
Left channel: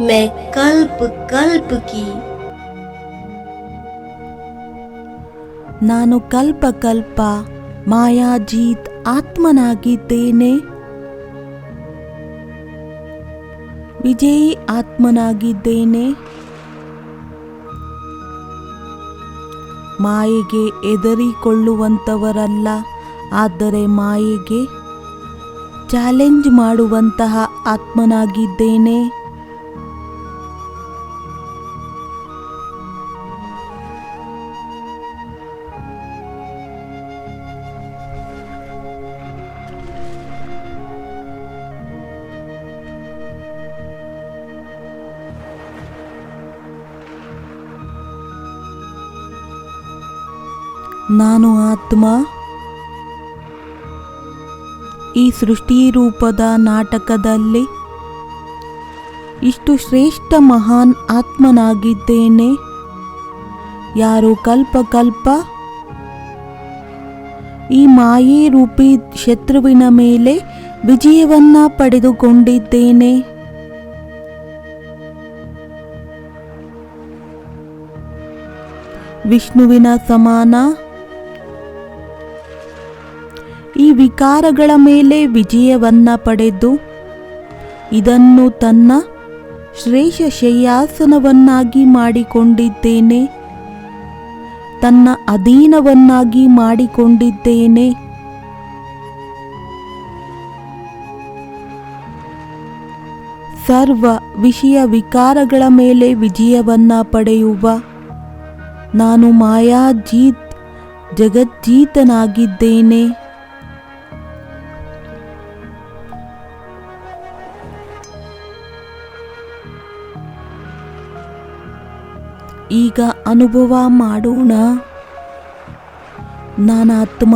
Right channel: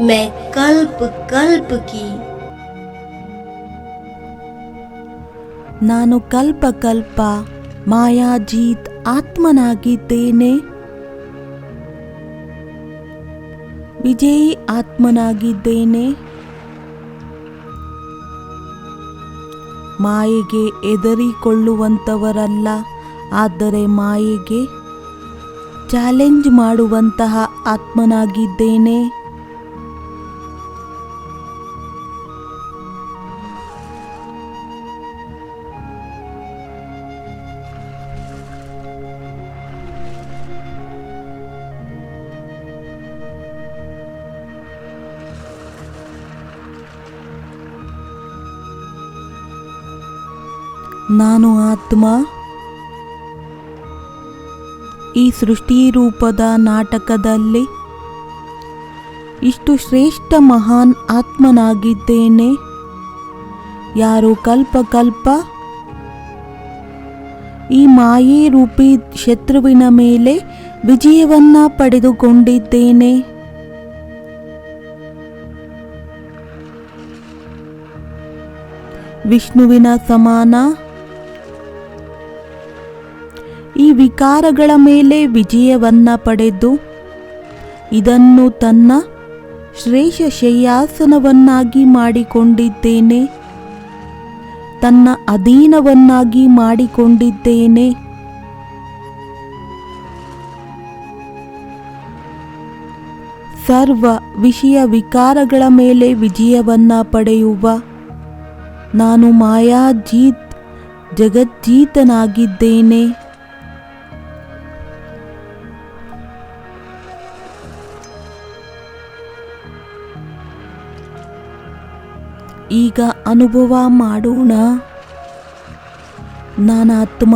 मैं कल्प कल्प की ನಾನು ಕಲ್ಪ ಕಲ್ಪ ಮಾಯಾಜೀತ್ ಆತ್ಮನಾಗಿದ್ದೇನೆ, ವಿಜಯಿ ಆತ್ಮನಾಗಿದ್ದೇನೆ. ಮಾಯೆಗೆ ಹೆದರಿಕೊಳ್ಳುವಂಥವರಲ್ಲ, ಆದರೆ ಮಾಯೆಗೆ ಚಾಲೆಂಜ್ ಮಾಡುವಂತಹ ಆತ್ಮನಾಗಿದ್ದೇನೆ. ನಾನು ಆತ್ಮ ಈ ಸೃಷ್ಟಿ ರೂಪದ ನಾಟಕದಲ್ಲಿ ಇಷ್ಟು ಶ್ರೇಷ್ಠ ಮಹಾನ್ ಆತ್ಮನಾಗಿದ್ದೇನೆ. ಯಾರು ಕಲ್ಪ ಕಲ್ಪ ಈ ಮಾಯೆ ರೂಪಿ ಶತ್ರುವಿನ ಮೇಲೆ ವಿಜಯವನ್ನ ಪಡೆದುಕೊಂಡಿದ್ದೇನೆ. ವಿಷ್ಣುವಿನ ಸಮಾನ ಈ ವಿಕಾರಗಳ ಮೇಲೆ ವಿಜಯವನ್ನ ಪಡೆದು ಇದನ್ನು ತನ್ನ ಶ್ರೇಷ್ಠ ಶಯ್ಯಾಸನವನ್ನಾಗಿ ಮಾಡಿಕೊಂಡಿದ್ದೇನೆ, ತನ್ನ ಅಧೀನವನ್ನಾಗಿ ಮಾಡಿಕೊಂಡಿದ್ದೇನೆ. ಸರ್ವ ವಿಷಯ ವಿಕಾರಗಳ ಮೇಲೆ ವಿಜಯವನ್ನ ಪಡೆಯುವ ನಾನು ಮಾಯಾಜೀತ್ ಜಗಜ್ಜೀತನಾಗಿದ್ದೇನೆ. ಈಗ ಅನುಭವ ಮಾಡೋಣ. ನಾನಾತ್ಮ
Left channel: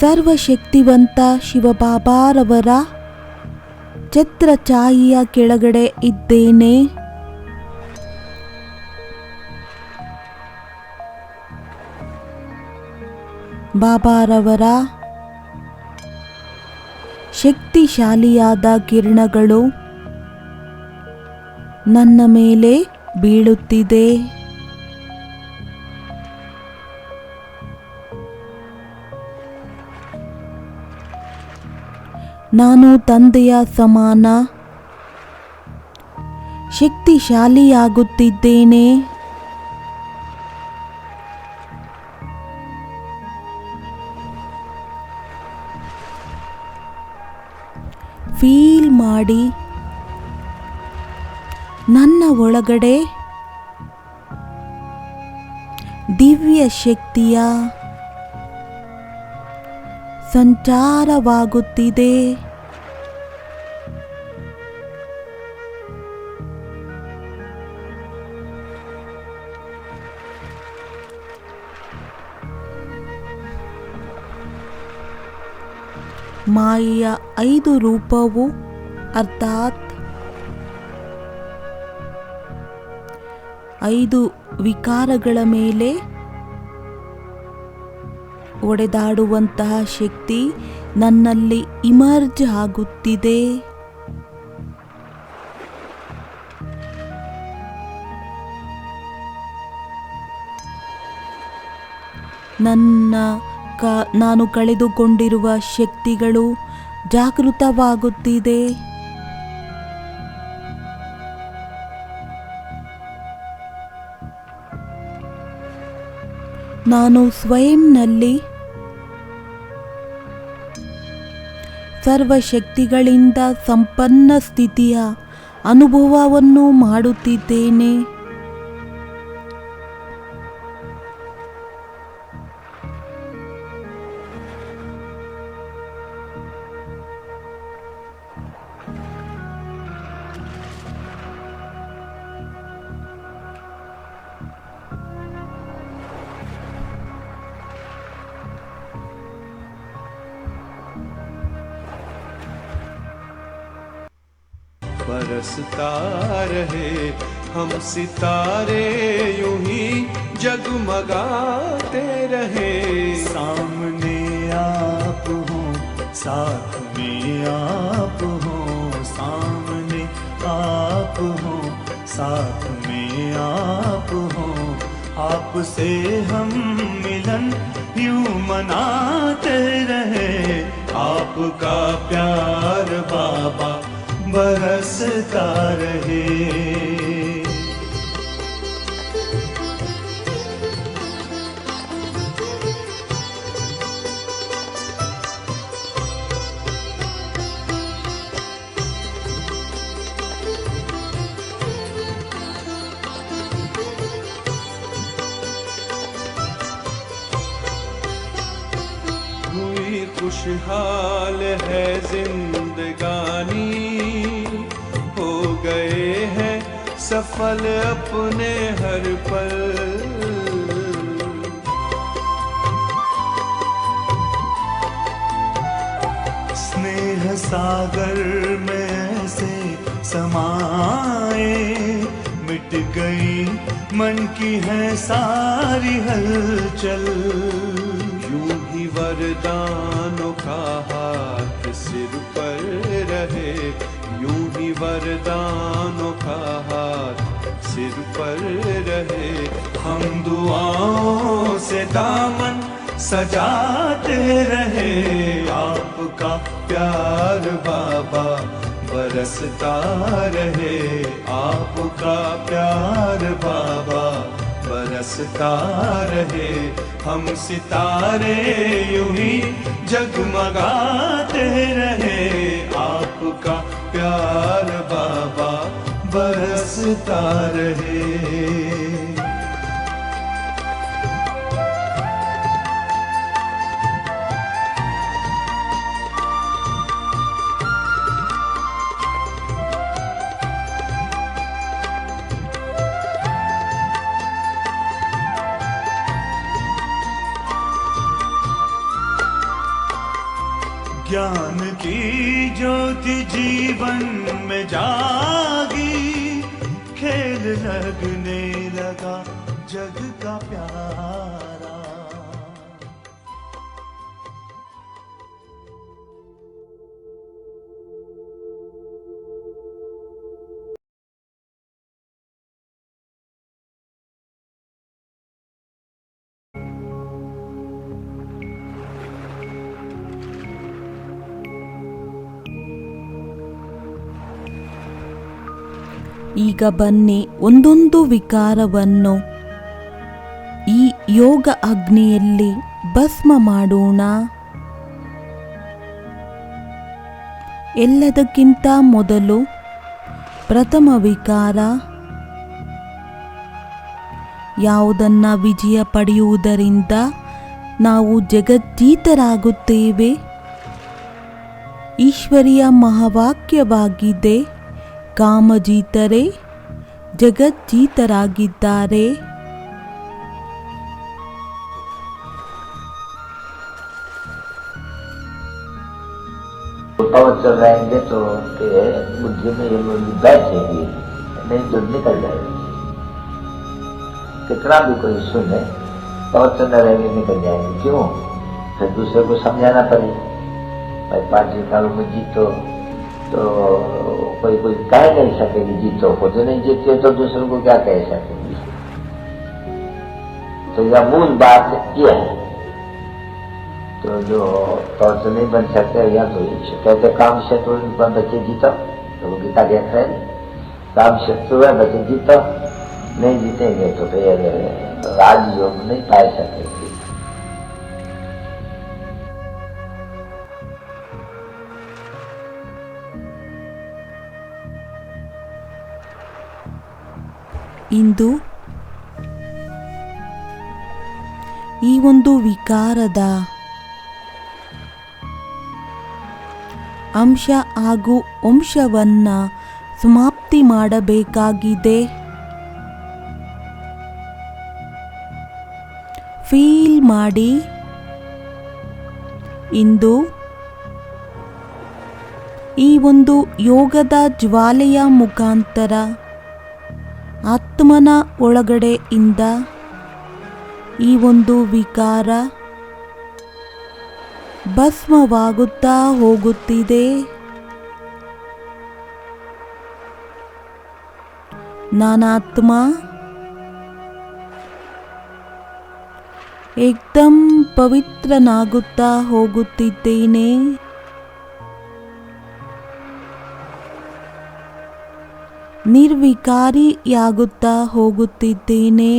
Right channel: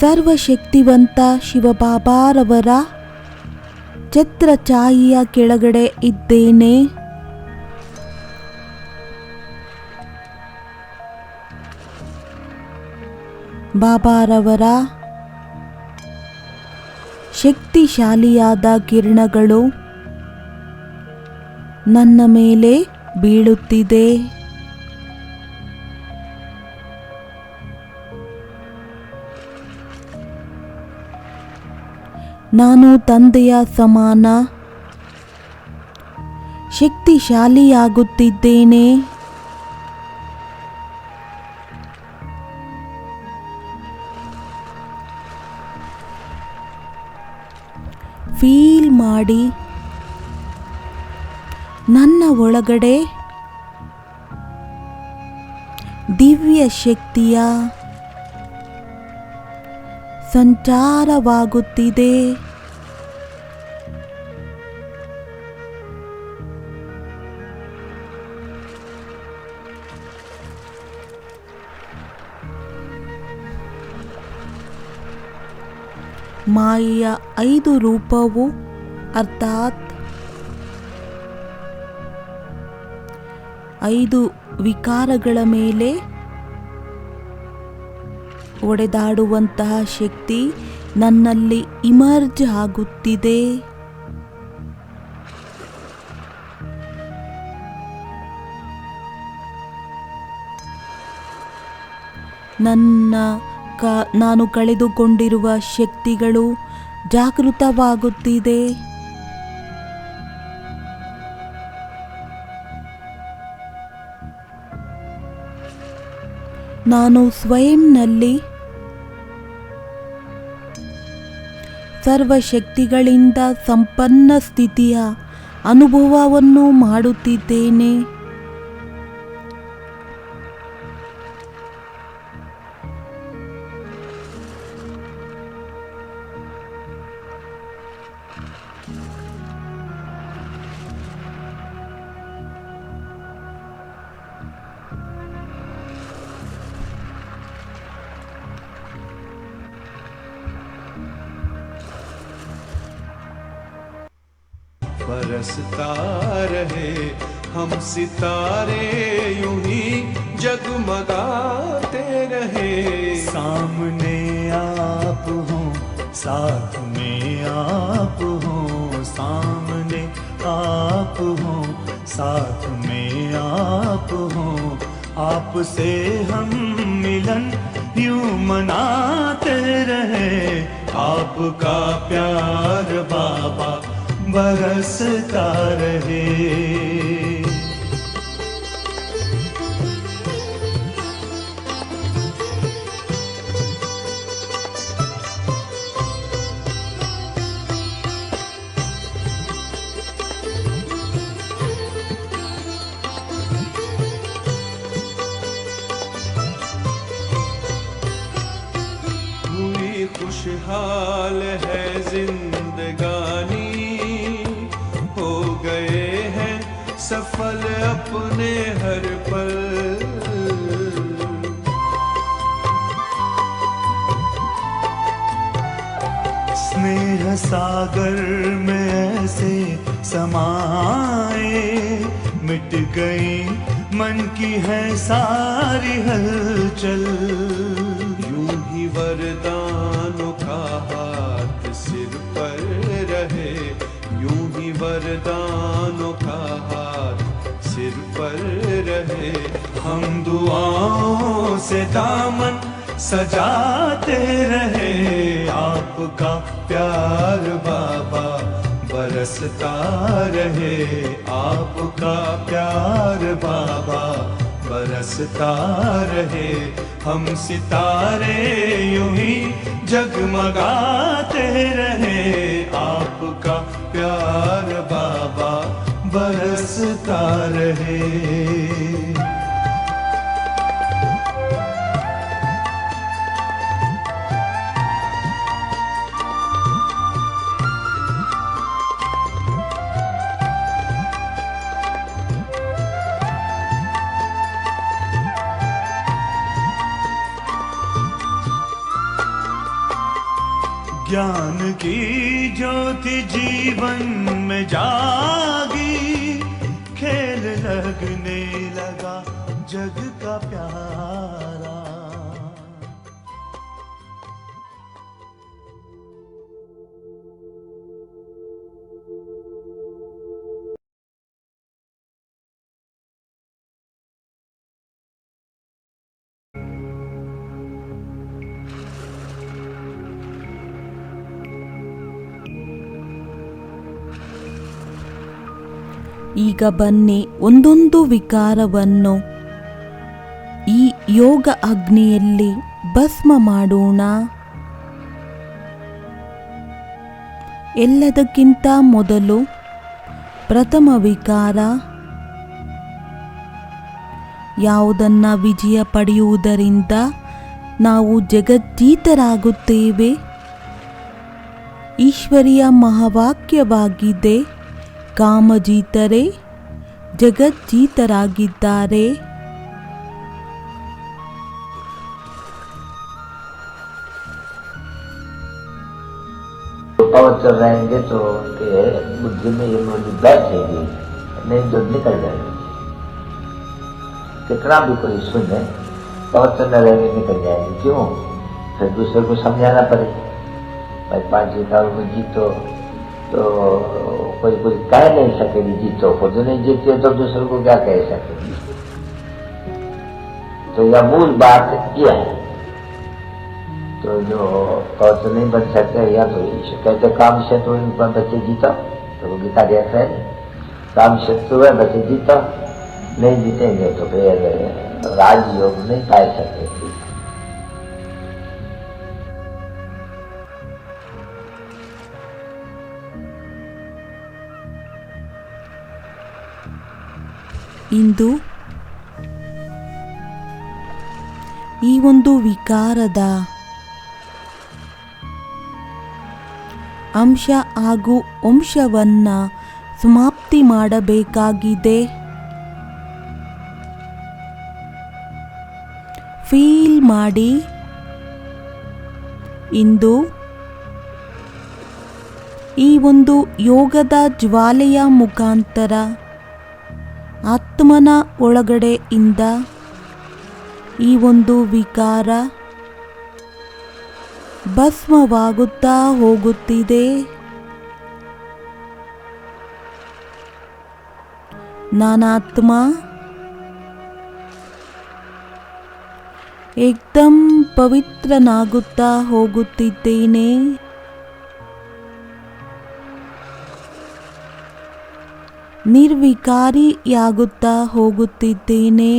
ಸರ್ವಶಕ್ತಿವಂತ ಶಿವಬಾಬಾರವರ ಛತ್ರಛಾಯೆಯ ಕೆಳಗಡೆ ಇದ್ದೇನೆ. ಬಾಬಾರವರ ಶಕ್ತಿಶಾಲಿಯಾದ ಕಿರಣಗಳು ನನ್ನ ಮೇಲೆ ಬೀಳುತ್ತಿದೆ. ನಾನು ತಂದೆಯ ಸಮಾನ ಶಕ್ತಿಶಾಲಿಯಾಗುತ್ತಿದ್ದೇನೆ. ಫೀಲ್ ಮಾಡಿ ನನ್ನ ಒಳಗಡೆ ದಿವ್ಯ ಶಕ್ತಿಯ ಸಂಚಾರವಾಗುತ್ತಿದೆ. ಮಾಯೆಯ 5 ರೂಪವು ಅರ್ಥಾತ್ 5 ವಿಕಾರಗಳ ಮೇಲೆ ಒಡೆದಾಡುವಂತಹ ಶಕ್ತಿ ನನ್ನಲ್ಲಿ ಇಮರ್ಜ್ ಆಗುತ್ತಿದೆ. ನಾನು ಕಳೆದುಕೊಂಡಿರುವ ಶಕ್ತಿಗಳು ಜಾಗೃತವಾಗುತ್ತಿದೆ. ನಾನು ಸ್ವಯಂನಲ್ಲಿ ಸರ್ವಶಕ್ತಿಗಳಿಂದ ಸಂಪನ್ನ ಸ್ಥಿತಿಯ ಅನುಭವವನ್ನು ಮಾಡುತ್ತಿದ್ದೇನೆ. बरसता रहे हम सितारे यूं ही जगमगाते रहे। सामने आप हो साथ में आप हो, सामने आप हो साथ में आप हो, आपसे हम मिलन यूं मनाते रहे। आपका प्यार बाबा बरसता रहे। हुई खुशहाल है जिंदगानी, सफल अपने हर पल। स्नेह सागर में से समाए, मिट गई मन की है सारी हलचल। यूं ही वरदानों का हाथ सिर पर रहे, यूं ही वरदानों का हाथ सिर पर रहे। हम दुआओं से दामन सजाते रहे। आपका प्यार बाबा बरसता रहे। आपका प्यार बाबा बरसता रहे। हम सितारे यूं ही जगमगाते रहे। आपका प्यार बाबा बरसता रहे। ज्ञान की ज्योति जीवन में जागी, खेल लगने लगा जग का प्यारा। ಈಗ ಬನ್ನಿ ಒಂದೊಂದು ವಿಕಾರವನ್ನು ಈ ಯೋಗ ಅಗ್ನಿಯಲ್ಲಿ ಭಸ್ಮ ಮಾಡೋಣ. ಎಲ್ಲದಕ್ಕಿಂತ ಮೊದಲು ಪ್ರಥಮ ವಿಕಾರ ಯಾವುದನ್ನ ವಿಜಯ ಪಡೆಯುವುದರಿಂದ ನಾವು ಜಗಜ್ಜೀತರಾಗುತ್ತೇವೆ. ಈಶ್ವರಿಯ ಮಹಾವಾಕ್ಯವಾಗಿದೆ, ಕಾಮಜೀತರೇ ಜಗಜ್ಜೀತರಾಗಿದ್ದಾರೆ. पवन चल रहेंगे तो उनके बुद्धि में ये मूल्य बैठेगी, नहीं तो निकल जाएगी। कितना भी कोई सुने, पवन चल रहेंगे निकल जाएंगे। क्यों? फिर दूसरे को समझाना पड़ेगा। भाई 5 सालों में जीतो तो कोई कुछ कह नहीं सकेगी जीतो को, जो नहीं जीते तो दूसरे को क्या कह सकेगी। तो यह मूल बात यह है। तो जो पौध नहीं बन सकते या तो कहते काम शत्रु पर बच्चे जीता, तो वो गीता के है काम शत्रु है बच्चे जीता, नहीं जीतेंगे तो फिर राजयोग नहीं पाए सकेंगे। ಇಂದು ಈ ಒಂದು ವಿಕಾರದ ಅಂಶ ಹಾಗೂ ವಂಶವನ್ನ ಸಮಾಪ್ತಿ ಮಾಡಬೇಕಾಗಿದೆ. ಫೀಲ್ ಮಾಡಿ. ಇಂದು ಈ ಒಂದು ಯೋಗದ ಜ್ವಾಲೆಯ ಮುಖಾಂತರ ಆತ್ಮನ ಒಳಗಡೆಯಿಂದ ಈ ಒಂದು ವಿಕಾರ ಭಸ್ಮವಾಗುತ್ತಾ ಹೋಗುತ್ತಿದೆ. ನಾನಾತ್ಮ ಏಕ್ದಂ ಪವಿತ್ರನಾಗುತ್ತಾ ಹೋಗುತ್ತಿದ್ದೇನೆ. ನಿರ್ವಿಕಾರಿಯಾಗುತ್ತಾ ಹೋಗುತ್ತಿದ್ದೇನೆ.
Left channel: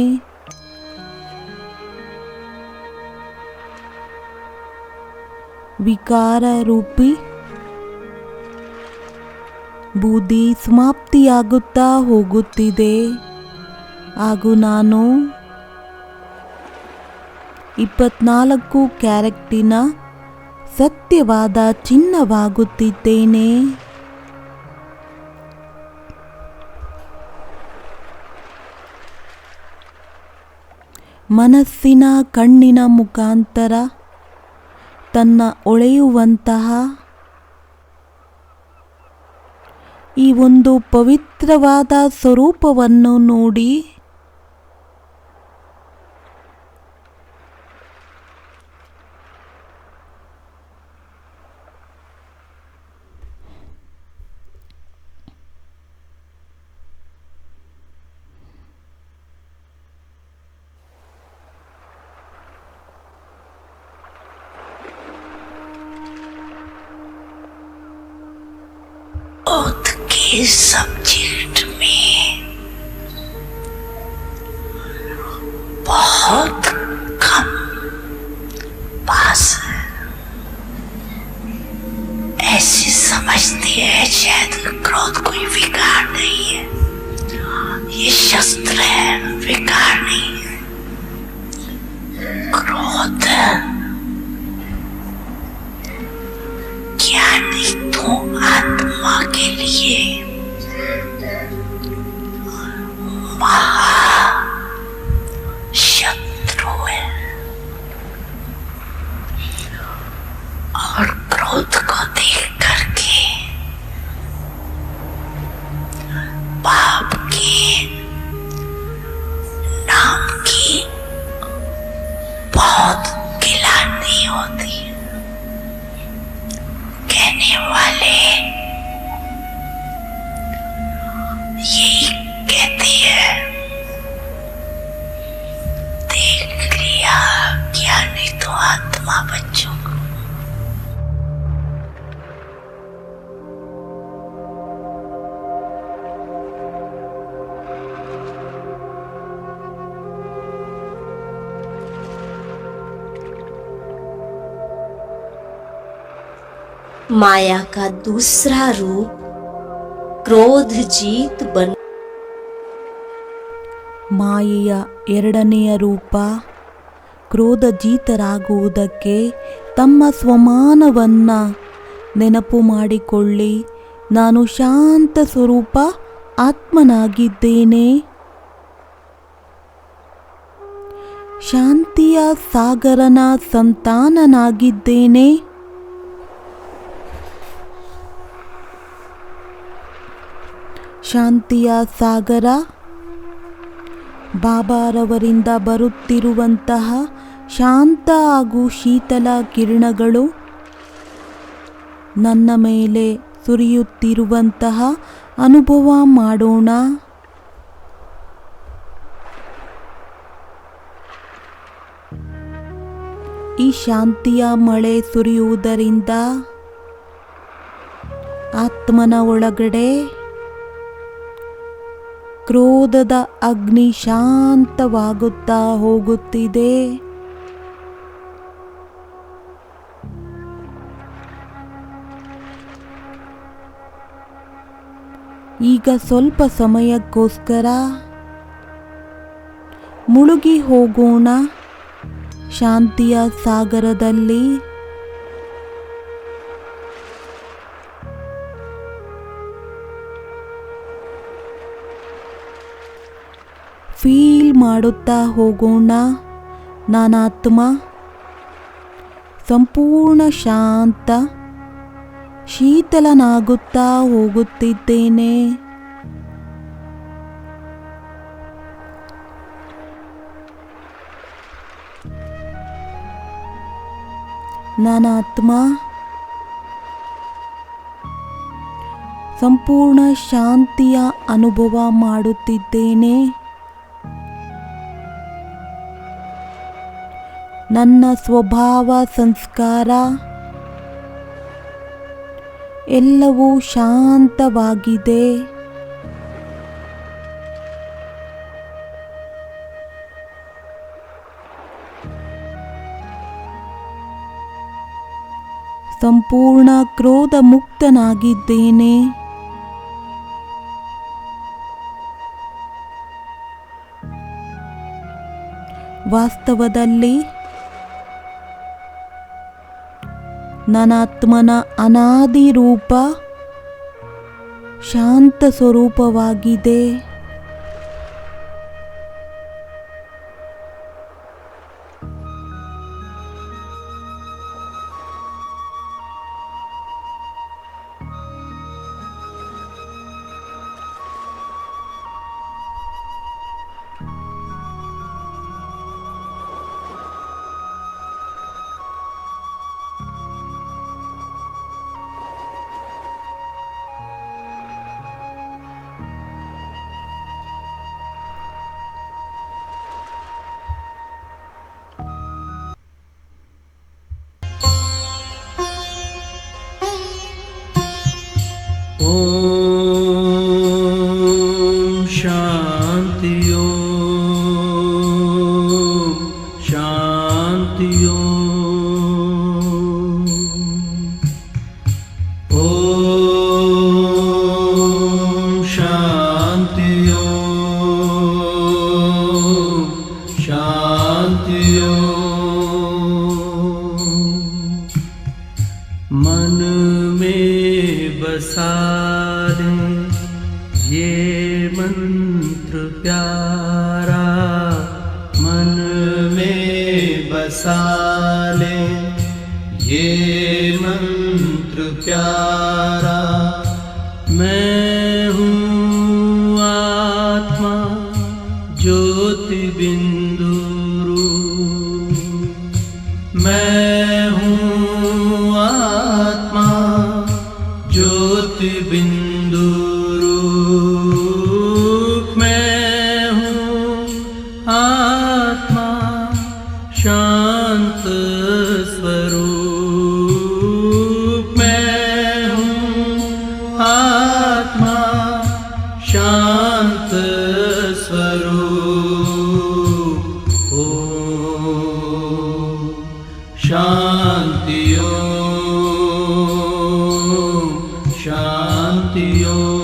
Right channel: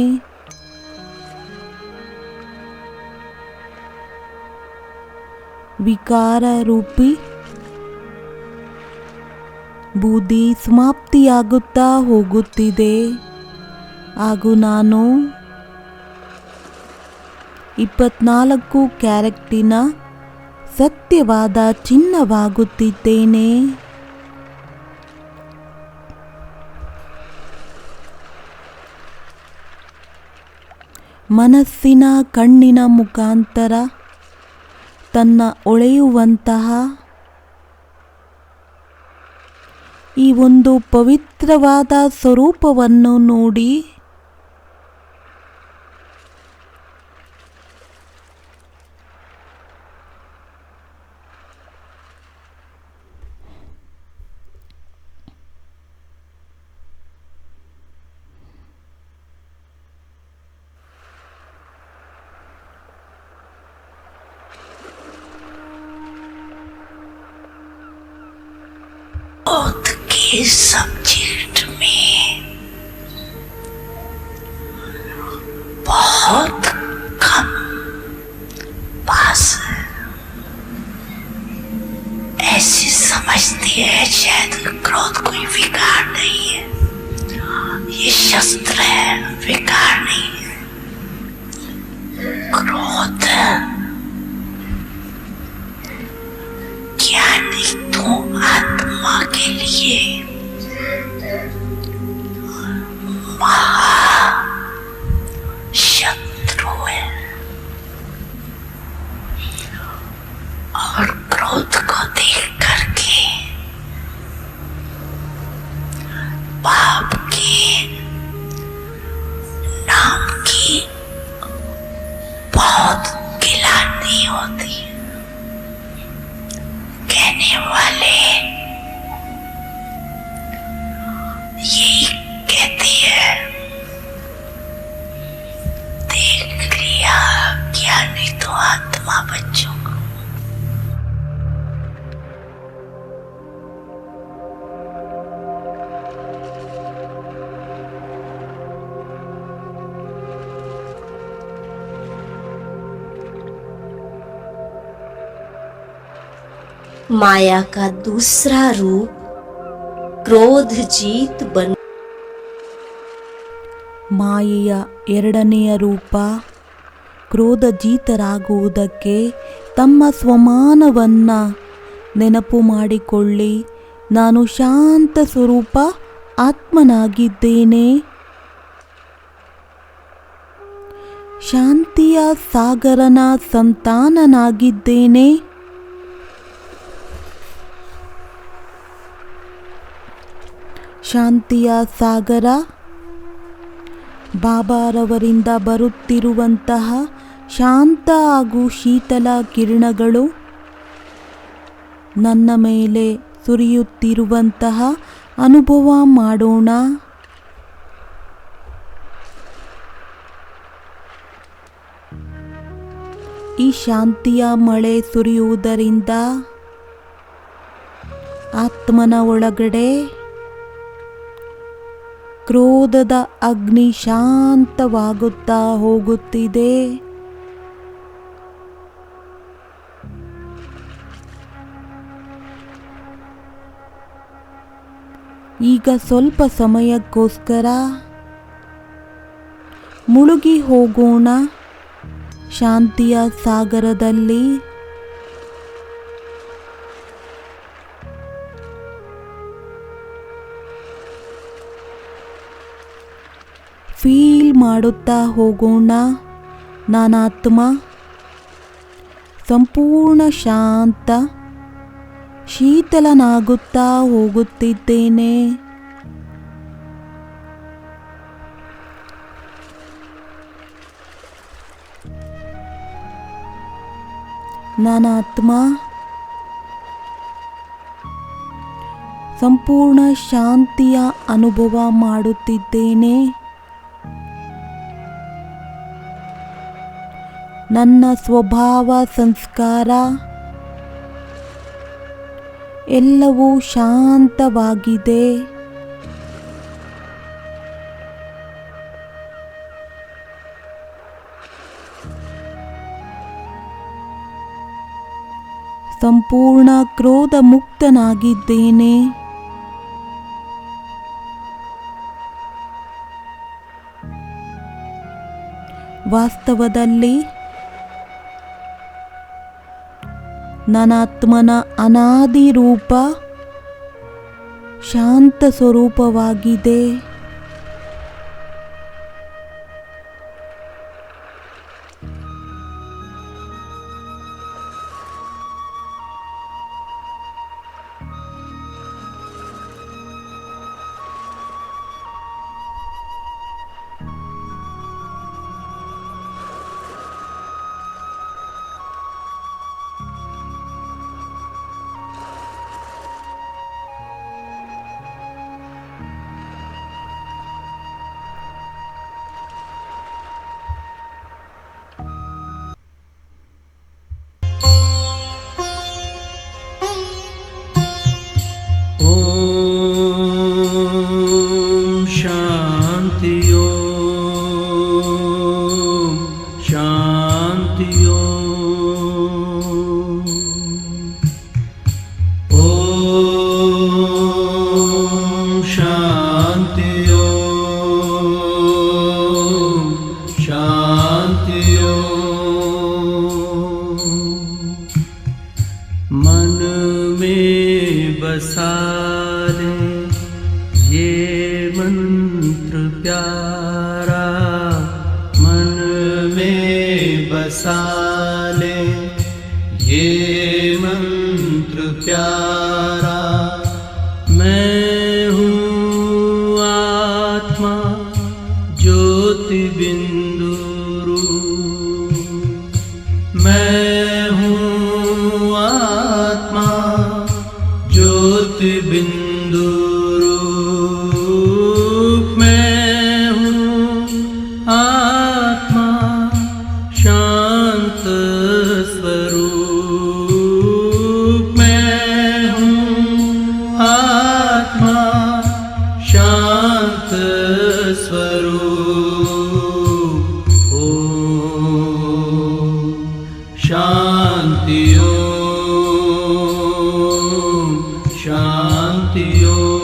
ವಿಕಾರ ರೂಪಿ ಬುದ್ಧಿ ಸಮಾಪ್ತಿಯಾಗುತ್ತಾ ಹೋಗುತ್ತಿದೆ ಹಾಗೂ ನಾನು 24 ಕ್ಯಾರೆಕ್ಟಿನ ಸತ್ಯವಾದ ಚಿನ್ನವಾಗುತ್ತಿದ್ದೇನೆ. ಮನಸ್ಸಿನ ಕಣ್ಣಿನ ಮುಖಾಂತರ ತನ್ನ ಹೊಳೆಯುವಂತಹ ಈ ಒಂದು ಪವಿತ್ರವಾದ ಸ್ವರೂಪವನ್ನು ನೋಡಿ के सब्जेक्ट में बहुत कम पास ऐसे समझते हैं शायद क्रोध कोई विकार नहीं है, ये शस्त्र है, विकार नहीं है। क्रोध ज्ञानी तो आत्मा के लिए शत्रु है और क्रोध को देख करके पाप के नाम की बहुत गिलानी होती है। कहने वाले यही कहते हैं, देख लिया ज्ञानी तो आत्मा बच्चों को। माया का दूसरा रूप क्रोध जीत बन ಮಾಯೆಯ ಎರಡನೆಯ ರೂಪ ಕ್ರೋಧಜೀತರಾಗುವುದಕ್ಕೆ ತಮ್ಮ ಸ್ವಮಾನವನ್ನು ನೆನಪು ಮಾಡಿಕೊಳ್ಳಿ. ನಾನು ಶಾಂತ ಸ್ವರೂಪ ಆತ್ಮನಾಗಿದ್ದೇನೆ. ಶಾಂತಿಯ ಸಾಗರನ ಸಂತಾನನಾಗಿದ್ದೇನೆ. ಶಾಂತಿಯ ಸಾಗರ ಬಾಬಾರವರಿಂದ ಬರುತ್ತಿರುವಂತಹ ಶಾಂತ ಹಾಗೂ ಶೀತಲ ಕಿರಣಗಳು ನನ್ನ ಮೇಲೆ ಸುರಿಯುತ್ತಿರುವಂತಹ ಅನುಭವ ಮಾಡೋಣ. ಈ ಶಾಂತಿಯ ಮಳೆ ಸುರಿಯುವುದರಿಂದ ಆತ್ಮನ ಒಳಗಡೆ ಕ್ರೋಧದ ಅಗ್ನಿ ಶಾಂತವಾಗುತ್ತಾ ಹೋಗುತ್ತಿದೆ. ಈಗ ಸ್ವಲ್ಪ ಸಮಯಕ್ಕೋಸ್ಕರ ಮುಳುಗಿ ಹೋಗೋಣ ಶಾಂತಿಯ ಸಾಗರದಲ್ಲಿ. ಫೀಲ್ ಮಾಡುತ್ತಾ ಹೋಗೋಣ. ನಾನಾತ್ಮ ಸಂಪೂರ್ಣ ಶಾಂತ ಶೀತಲನಾಗುತ್ತಾ ಹೋಗುತ್ತಿದ್ದೇನೆ. ನಾನಾತ್ಮ ಸಂಪೂರ್ಣ ಶಾಂತಿಯ ಅನುಭವ ಮಾಡುತ್ತಿದ್ದೇನೆ. ನನ್ನ ಸ್ವಭಾವ ಸಂಸ್ಕಾರ ಎಲ್ಲವೂ ಶಾಂತವಾಗಿದೆ. ಸಂಪೂರ್ಣ ಕ್ರೋಧ ಮುಕ್ತನಾಗಿದ್ದೇನೆ. ವಾಸ್ತವದಲ್ಲಿ ನಾನಾತ್ಮನ ಅನಾದಿ ರೂಪ ಶಾಂತ ಸ್ವರೂಪವಾಗಿದೆ. मन में बसा ले ये मंत्र प्यारा, मन में बसा ले ये मंत्र प्यारा। मैं हूँ आत्मा ज्योति बिंदु रूप, मैं हूँ आत्मा ज्योति बिंदु रूप, मैं हूँ आत्मा शांत स्वरूप, मैं हूँ आत्मा शांत स्वरूप। ओम शांति ओम शांति ओम।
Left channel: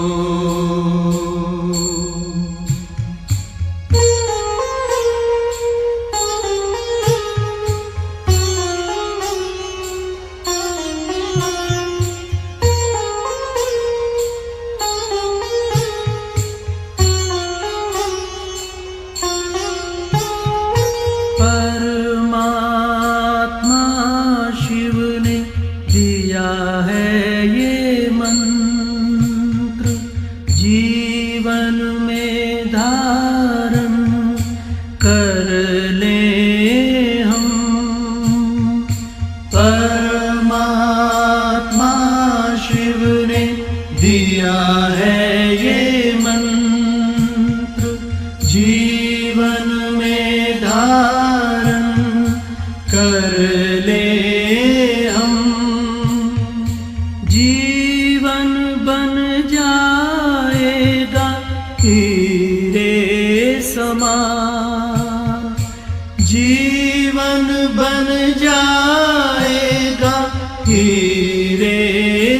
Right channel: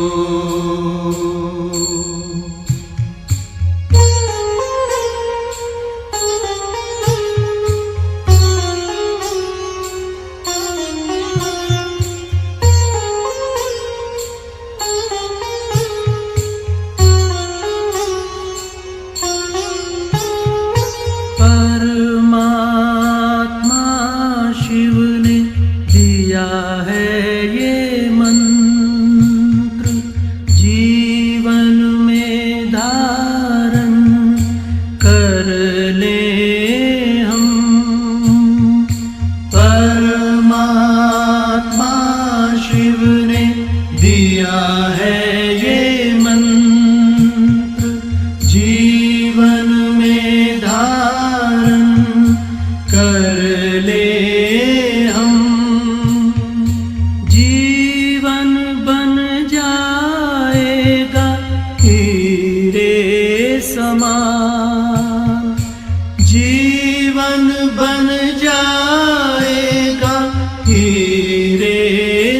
जीवन बन जाएगा हीरे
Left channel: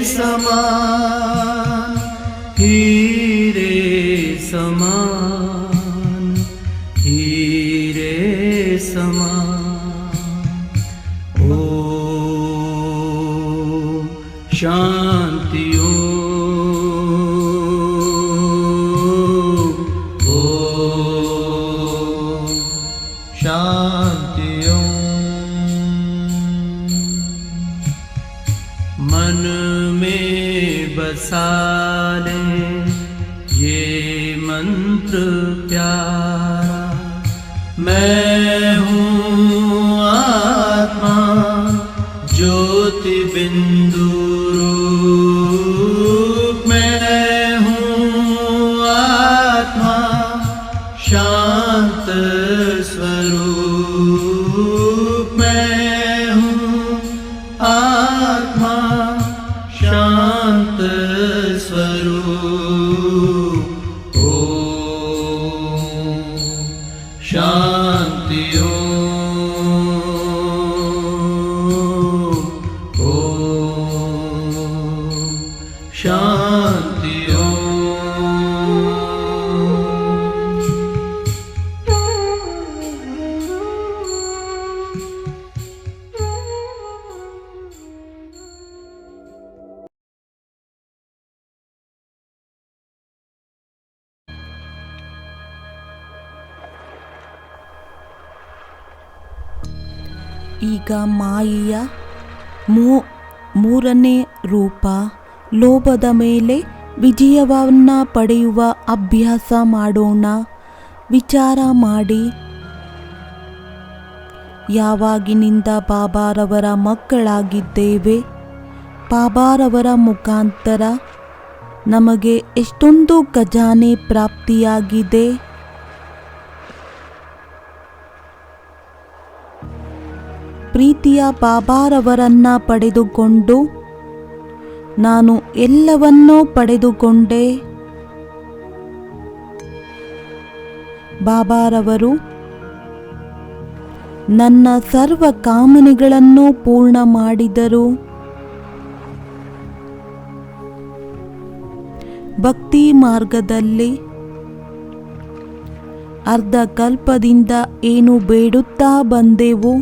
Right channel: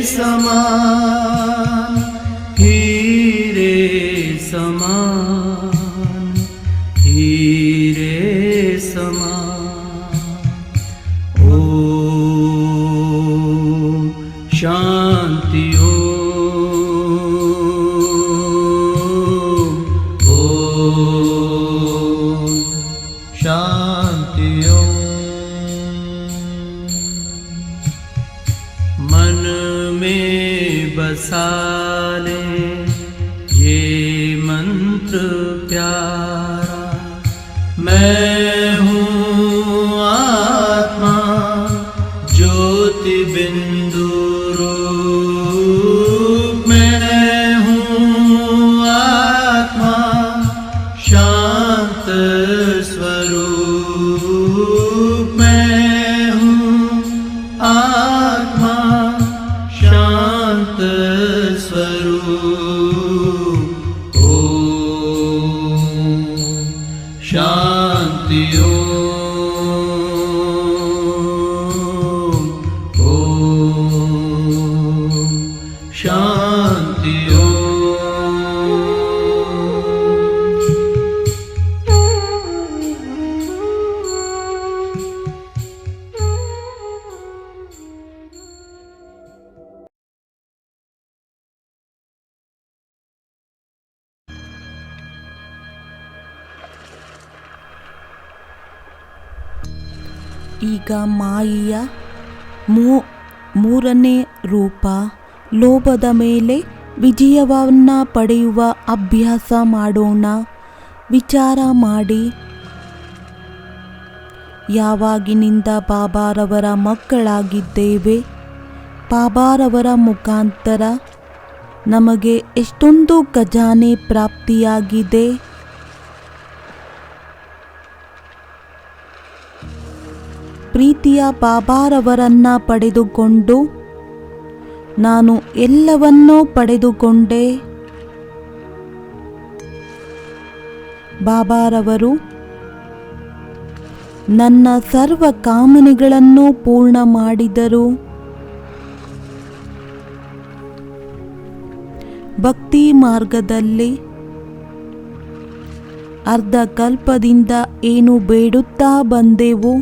समान, हीरे समान, हीरे समान। ओम शांति ओम शांति मन में बसा ले ये मंत्र प्यारा, मैं हूँ आत्मा ज्योति बिंदु रूप, मैं हूँ आत्मा शांत स्वरूप, मैं हूँ आत्मा शांत स्वरूप। ओम शांति ओम शांति ಈಗ ಮಾಯೆಯ ಮೂರನೇ ರೂಪ ಲೋಭದ ಮೇಲೆ ವಿಜಯವನ್ನು ಪಡೆಯುವ ಅಭ್ಯಾಸ ಮಾಡೋಣ. ವಿಚಾರ ಮಾಡಿ, ಯಾವಾಗಿನಿಂದ ಬಾಬಾರವರ ಮಕ್ಕಳಾಗಿದ್ದೇವೆ, ಬಾಬಾರವರ ಮುಖಾಂತರ ನಮಗೆ ಎಷ್ಟೊಂದು ಖಜಾನೆ ಪ್ರಾಪ್ತಿಯಾಗಿದೆ. ಪ್ರೀತಿಯ ಬಾಬಾರವರನ್ನ ಪಡೆದುಕೊಂಡು ನಾನು ಎಲ್ಲವನ್ನೂ ಪಡೆದುಕೊಂಡೆ. ಬಾಬಾರವರು ನನ್ನ ಸರ್ವ ಕಾಮನೆಗಳನ್ನು ಪೂರ್ಣ ಮಾಡಿದರು. ಭಕ್ತಿ ಮಾರ್ಗದಲ್ಲಿ ಅರ್ಧ ಕಲ್ಪದಿಂದ ಏನು ಬೇಡುತ್ತಾ ಬಂದೆವು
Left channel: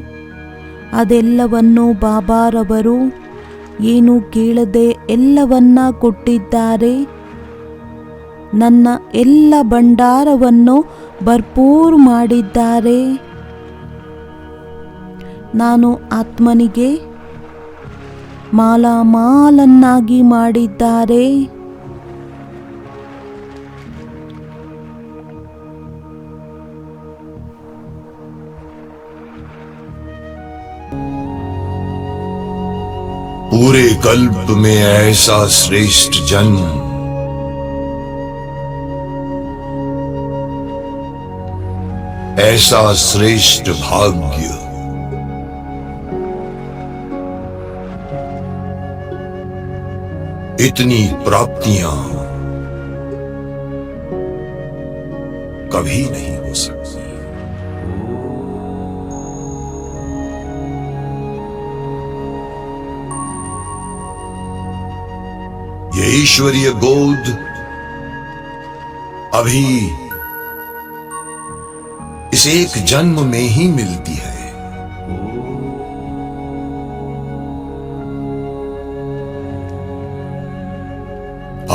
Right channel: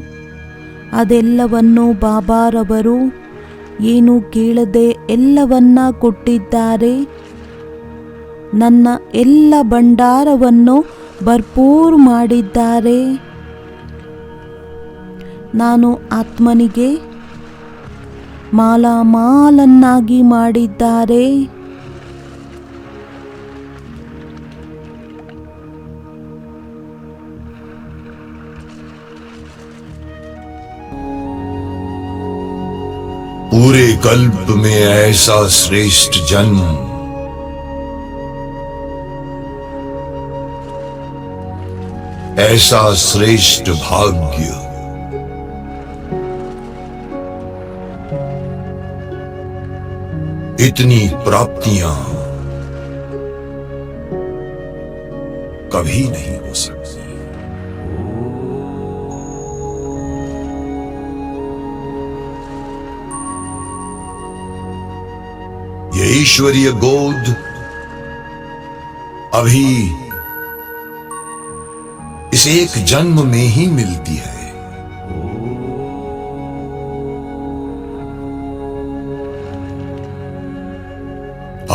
ಅದೆಲ್ಲವನ್ನು ಬಾಬಾರವರು ಏನು ಕೇಳದೆ ಎಲ್ಲವನ್ನ ಕೊಟ್ಟಿದ್ದಾರೆ. ನನ್ನ ಎಲ್ಲ ಭಂಡಾರವನ್ನು ಭರ್ಪೂರ್ ಮಾಡಿದ್ದಾರೆ. ನಾನು ಆತ್ಮನಿಗೆ ಮಾಲಾಮಾಲನ್ನಾಗಿ ಮಾಡಿದ್ದಾರೆ. पूरे कल्प में ऐसा श्रेष्ठ जन्म, ऐसा श्रेष्ठ भाग्य, इतनी प्राप्तियां कभी नहीं हो सकती। ये ईश्वरीय गोद अभी इस एक जन्म में ही मिलती है।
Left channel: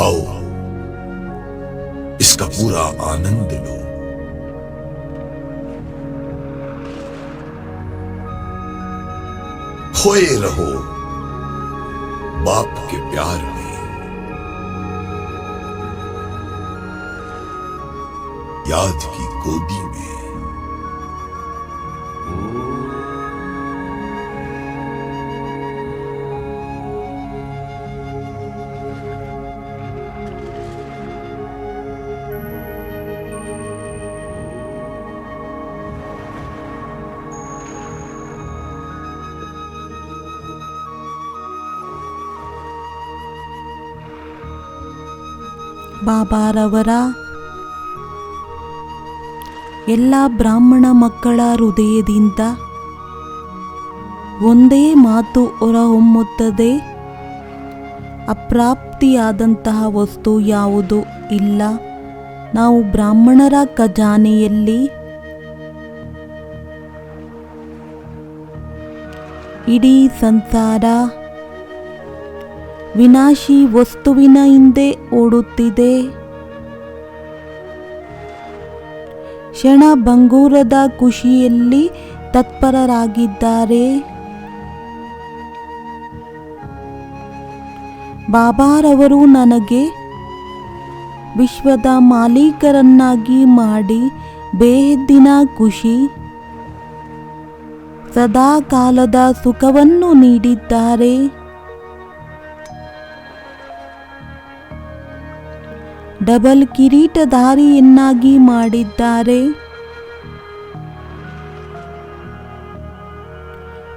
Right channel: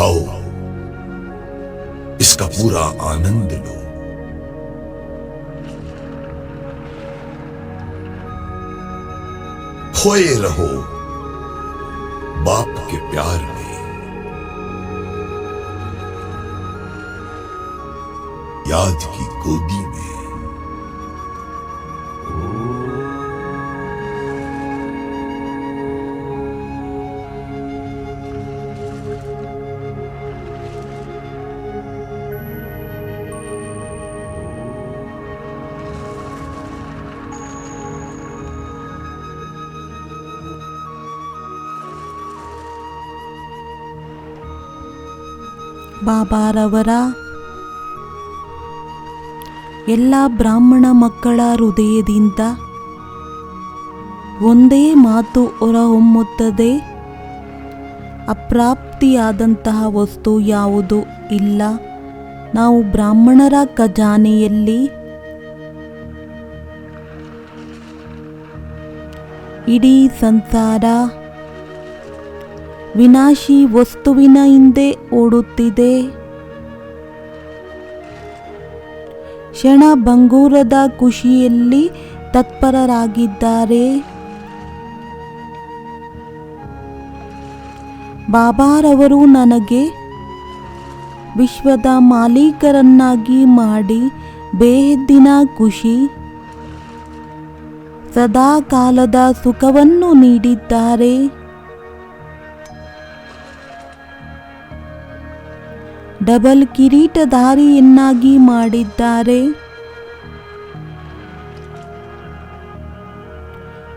आओ इसका पूरा आनंद लो। खोए रहो बाप के प्यार में। याद की गोदी में। ಬಾಬಾರವರ ಎಲ್ಲ ಬ್ರಾಹ್ಮಣ ಮಕ್ಕಳ ಹೃದಯದಿಂದ ಒಂದೇ ಮಾತು ಹೊರಹೊಮ್ಮುತ್ತದೆ, ಅಪ್ರಾಪ್ತಿಯಾದಂತಹ ವಸ್ತು ಯಾವುದು ಇಲ್ಲ. ನಾವು ಬ್ರಾಹ್ಮಣರ ಖಜಾನೆಯಲ್ಲಿ ಇಡೀ ಸಂಸಾರ ವಿನಾಶಿ ವಸ್ತುವಿನ ಹಿಂದೆ ಓಡುತ್ತಿದೆ. ಕ್ಷಣ ಭಂಗೂರದ ಖುಷಿಯಲ್ಲಿ ತತ್ಪರರಾಗಿದ್ದಾರೆ. ಬಾಬಾರವರು ನನಗೆ ವಿಶ್ವದ ಮಾಲೀಕರನ್ನಾಗಿ ಮಾಡಿ ಬೇಹದ್ದಿನ ಖುಷಿ, ಸದಾ ಕಾಲದ ಸುಖವನ್ನು ನೀಡಿದ್ದಾರೆ. ಡಬಲ್ ಕಿರೀಟಧಾರಿಯನ್ನಾಗಿ ಮಾಡಿದ್ದಾರೆ.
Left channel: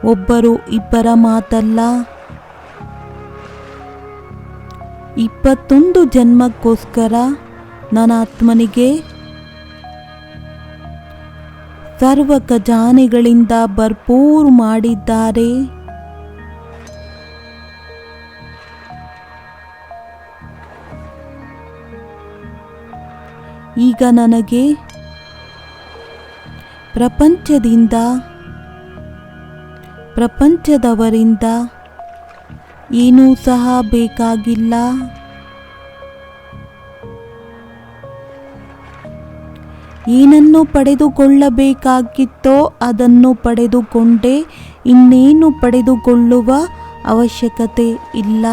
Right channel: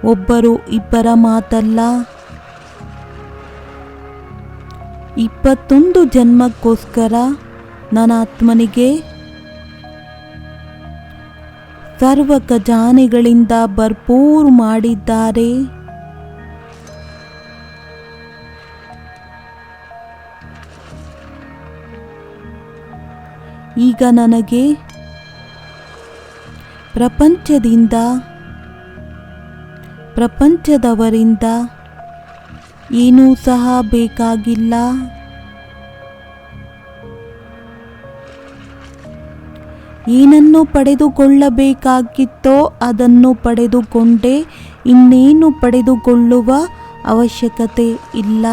ಒಬ್ಬರು ಇಬ್ಬರ ಮಾತಲ್ಲ, 21 ಜನ್ಮಕ್ಕೋಸ್ಕರ ನನ್ನ ಆತ್ಮನಿಗೆ ಸರ್ವ ಖಜಾನೆಗಳಿಂದ ಭರ್ಪೂರ್ ಮಾಡಿದ್ದಾರೆ. ಈಗ ನನಗೆ ಪ್ರಪಂಚದವರಿಂದ ಏನೂ ಸಹ ಬೇಕಾಗಿಲ್ಲ. ಏನನ್ನು ಪಡೆದುಕೊಳ್ಳಬೇಕಾಗಿತ್ತೋ ಅದನ್ನು ಪಡೆದುಕೊಂಡೆ, ಇನ್ನೇನು ಪಡೆದುಕೊಳ್ಳುವ ಅವಶ್ಯಕತೆ ಇಲ್ಲ.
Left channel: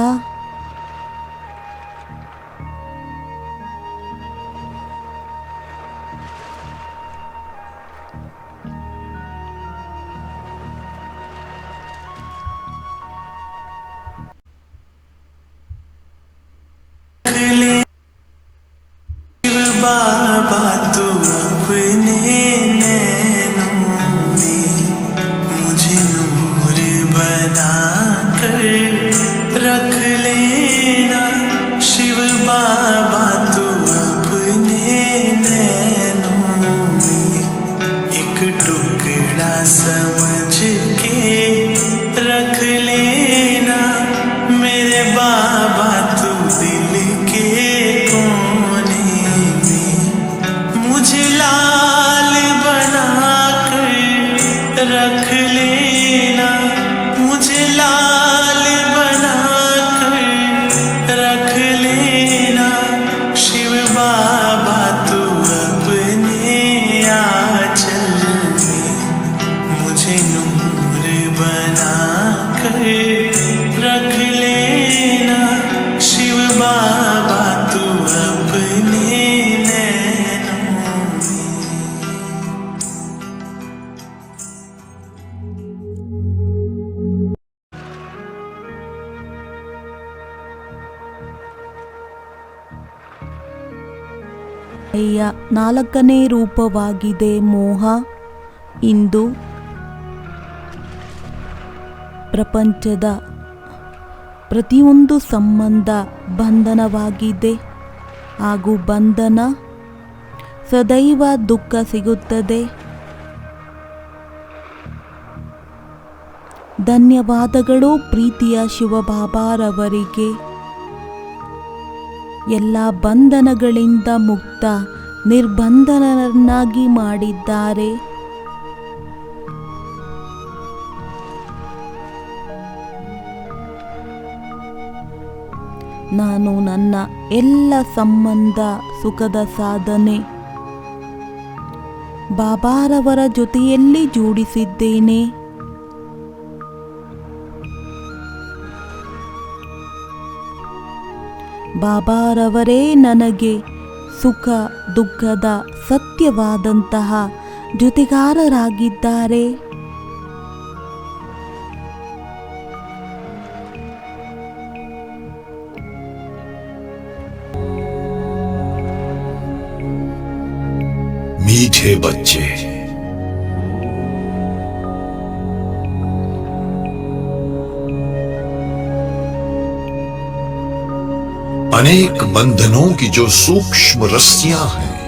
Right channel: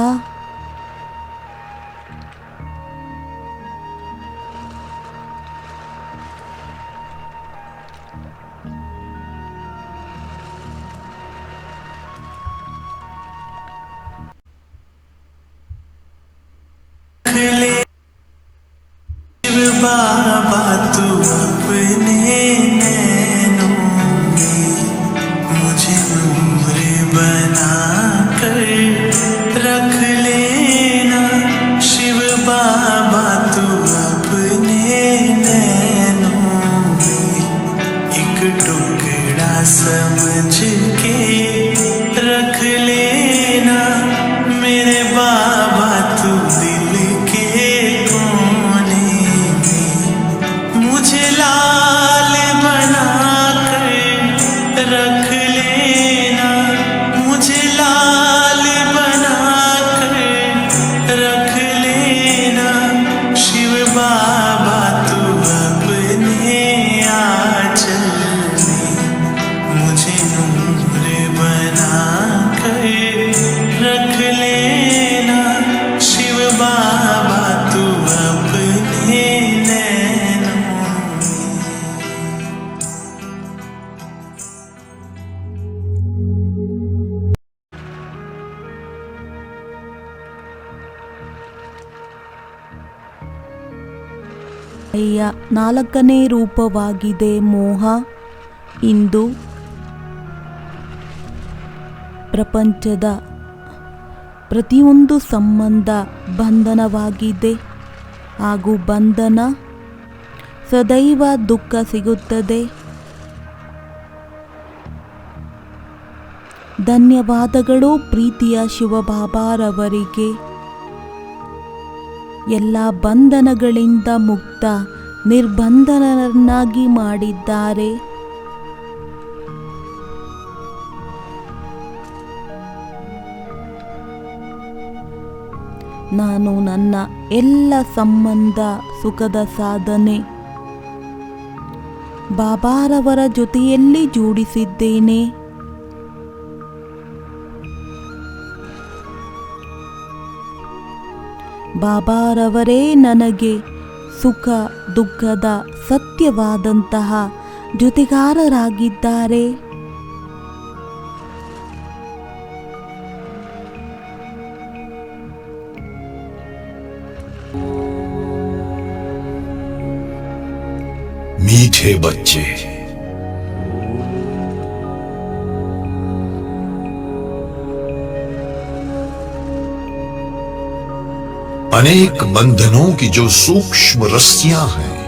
बाबा तू अपने नैनों में मुझे नूर बना कर रख लेना। शिव बाबा तू अपने नैनों में एक टुकड़ा समझ के रख लेना। मेरे बाबा तू दिल के रख लेना, मुझे लाल बना कर रख लेना। शिव बाबा तू अपने आंचल में मुझे नूर बना कर रख लेना। शिव बाबा तू अपने नैनों में। ನಾಲ್ಕನೇ ರೂಪವಾಗಿದೆ ಮೋಹ. ಇಂದು ಪ್ರಪಂಚದ ಪ್ರತಿಯೊಂದು ಸಂಬಂಧ ಬಂಧನವಾಗಿದೆ ಹಾಗೂ ಬಂಧನ ಸದೈವ ದುಃಖ ಸಿಗುತ್ತದೆ. ಧನ್ಯವಾದಗಳು ಪ್ರೀತಿಯ ಶಿವಬಾಬಾರವರಿಗೆ. ಎಲ್ಲ ಬಂಧನಗಳಿಂದ ಮುಕ್ತ ನಿರ್ಬಂಧನರನ್ನಾಗಿ ಮಾಡಿದ್ದಾರೆ. ನಾನು ನನ್ನ ಎಲ್ಲ ಸಂಬಂಧ ಸುಖದ ಸಾಧನೆ ಬಾಬಾರವರ ಜೊತೆಯಲ್ಲಿ ಜೋಡಿಸಿದ್ದೇನೆ. ಬಾಬಾರವರೇ ನನಗೆ ಸುಖ ದುಃಖದ ಸತ್ಯವಾದಂತಹ ಜೊತೆಗಾರರಾಗಿದ್ದಾರೆ. मीठे बच्चे, अनेक बंधनों की जो सूक्ष्म रस्सियां हैं,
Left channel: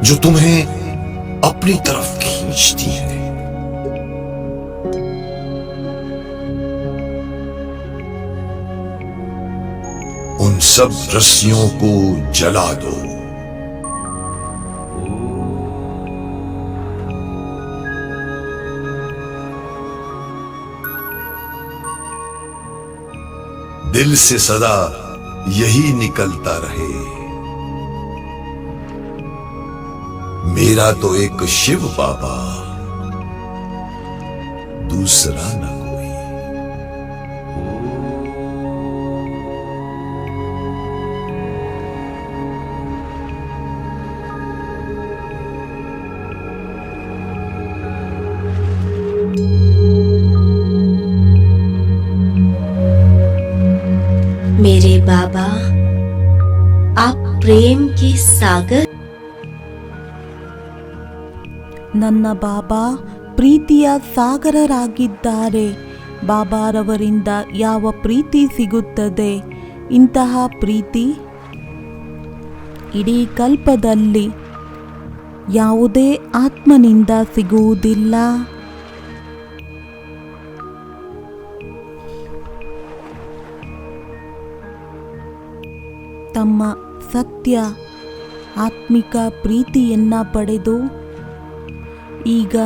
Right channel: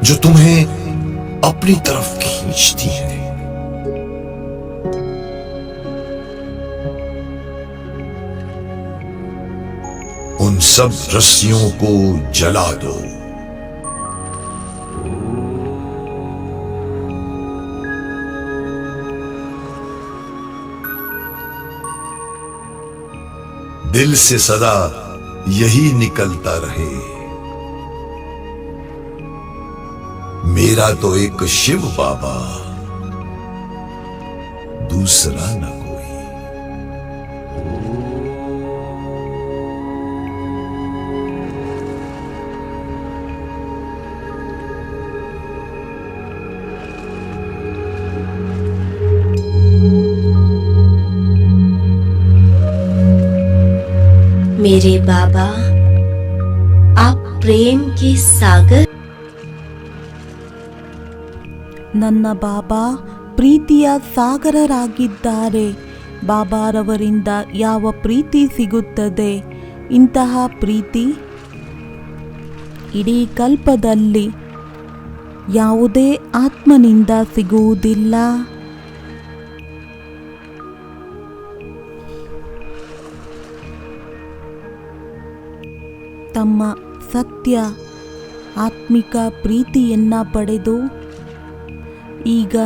जो तुम्हें अपनी तरफ खींचती है। उन सब रस्सियों को जला दो। दिल से सदा यही निकलता रहे, मेरा तो एक शिव बाबा, दूसरा न कोई। मेरे बाबा, आप प्रेम के सागर। ನನ್ನ ಬಾಬಾ ಪ್ರೀತಿಯ ಸಾಗರರಾಗಿದ್ದಾರೆ. ಬಾಬಾರವರಿಂದ ಯಾವ ಪ್ರೀತಿ ಸಿಗುತ್ತದೆ, ಇಂತಹ ಪ್ರೀತಿ ಇಡೀ ಕಲ್ಪದಲ್ಲಿ ಯಾವುದೇ ಆತ್ಮನಿಂದ ಸಿಗುವುದಿಲ್ಲ. ತಮ್ಮ ಸತ್ಯ ಆತ್ಮಿಕ ಪ್ರೀತಿಯನ್ನ ಪಡೆದು ಈಗ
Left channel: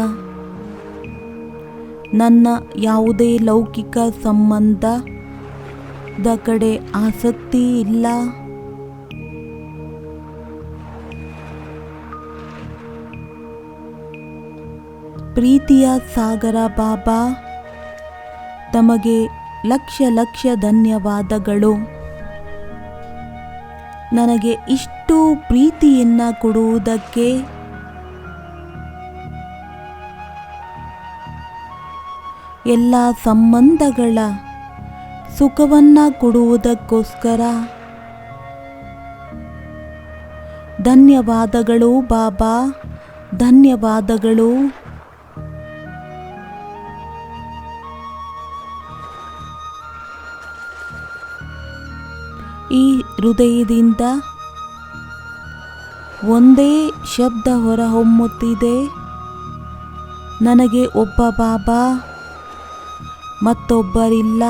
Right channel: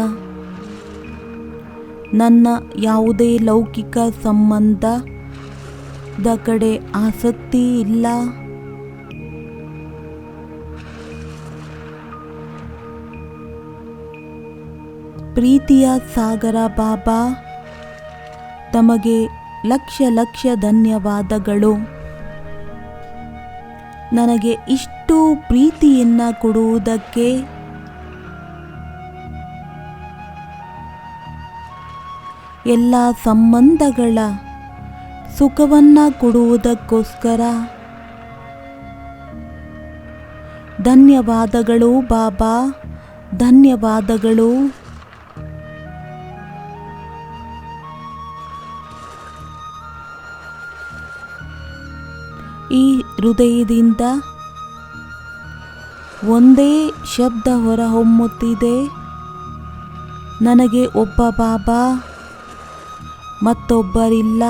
ನನ್ನ ಯಾವುದೇ ಲೌಕಿಕ ಸಂಬಂಧದ ಕಡೆ ಆಸಕ್ತಿ ಇಲ್ಲ. ಪ್ರೀತಿಯ ಸಾಗರ ಬಾಬಾ, ತಮಗೆ ಲಕ್ಷ ಲಕ್ಷ ಧನ್ಯವಾದಗಳು. ನನಗೆ ಇಷ್ಟು ಪ್ರೀತಿಯನ್ನ ಕೊಡುವುದಕ್ಕೆ. ಎಲ್ಲ ಸಂಬಂಧಗಳ ಸುಖವನ್ನ ಕೊಡುವುದಕ್ಕೋಸ್ಕರ ಧನ್ಯವಾದಗಳು ಬಾಬಾ, ಧನ್ಯವಾದಗಳು. ಈ ಹೃದಯದಿಂದ ಒಂದೇ ಶಬ್ದ ಹೊರಹೊಮ್ಮುತ್ತಿದೆ, ನನಗೆ ಒಬ್ಬ ಬಾಬಾ, ಮತ್ತೊಬ್ಬರಿಲ್ಲ.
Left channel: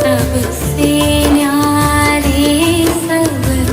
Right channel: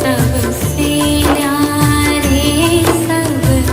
सबसे न्यारे सबसे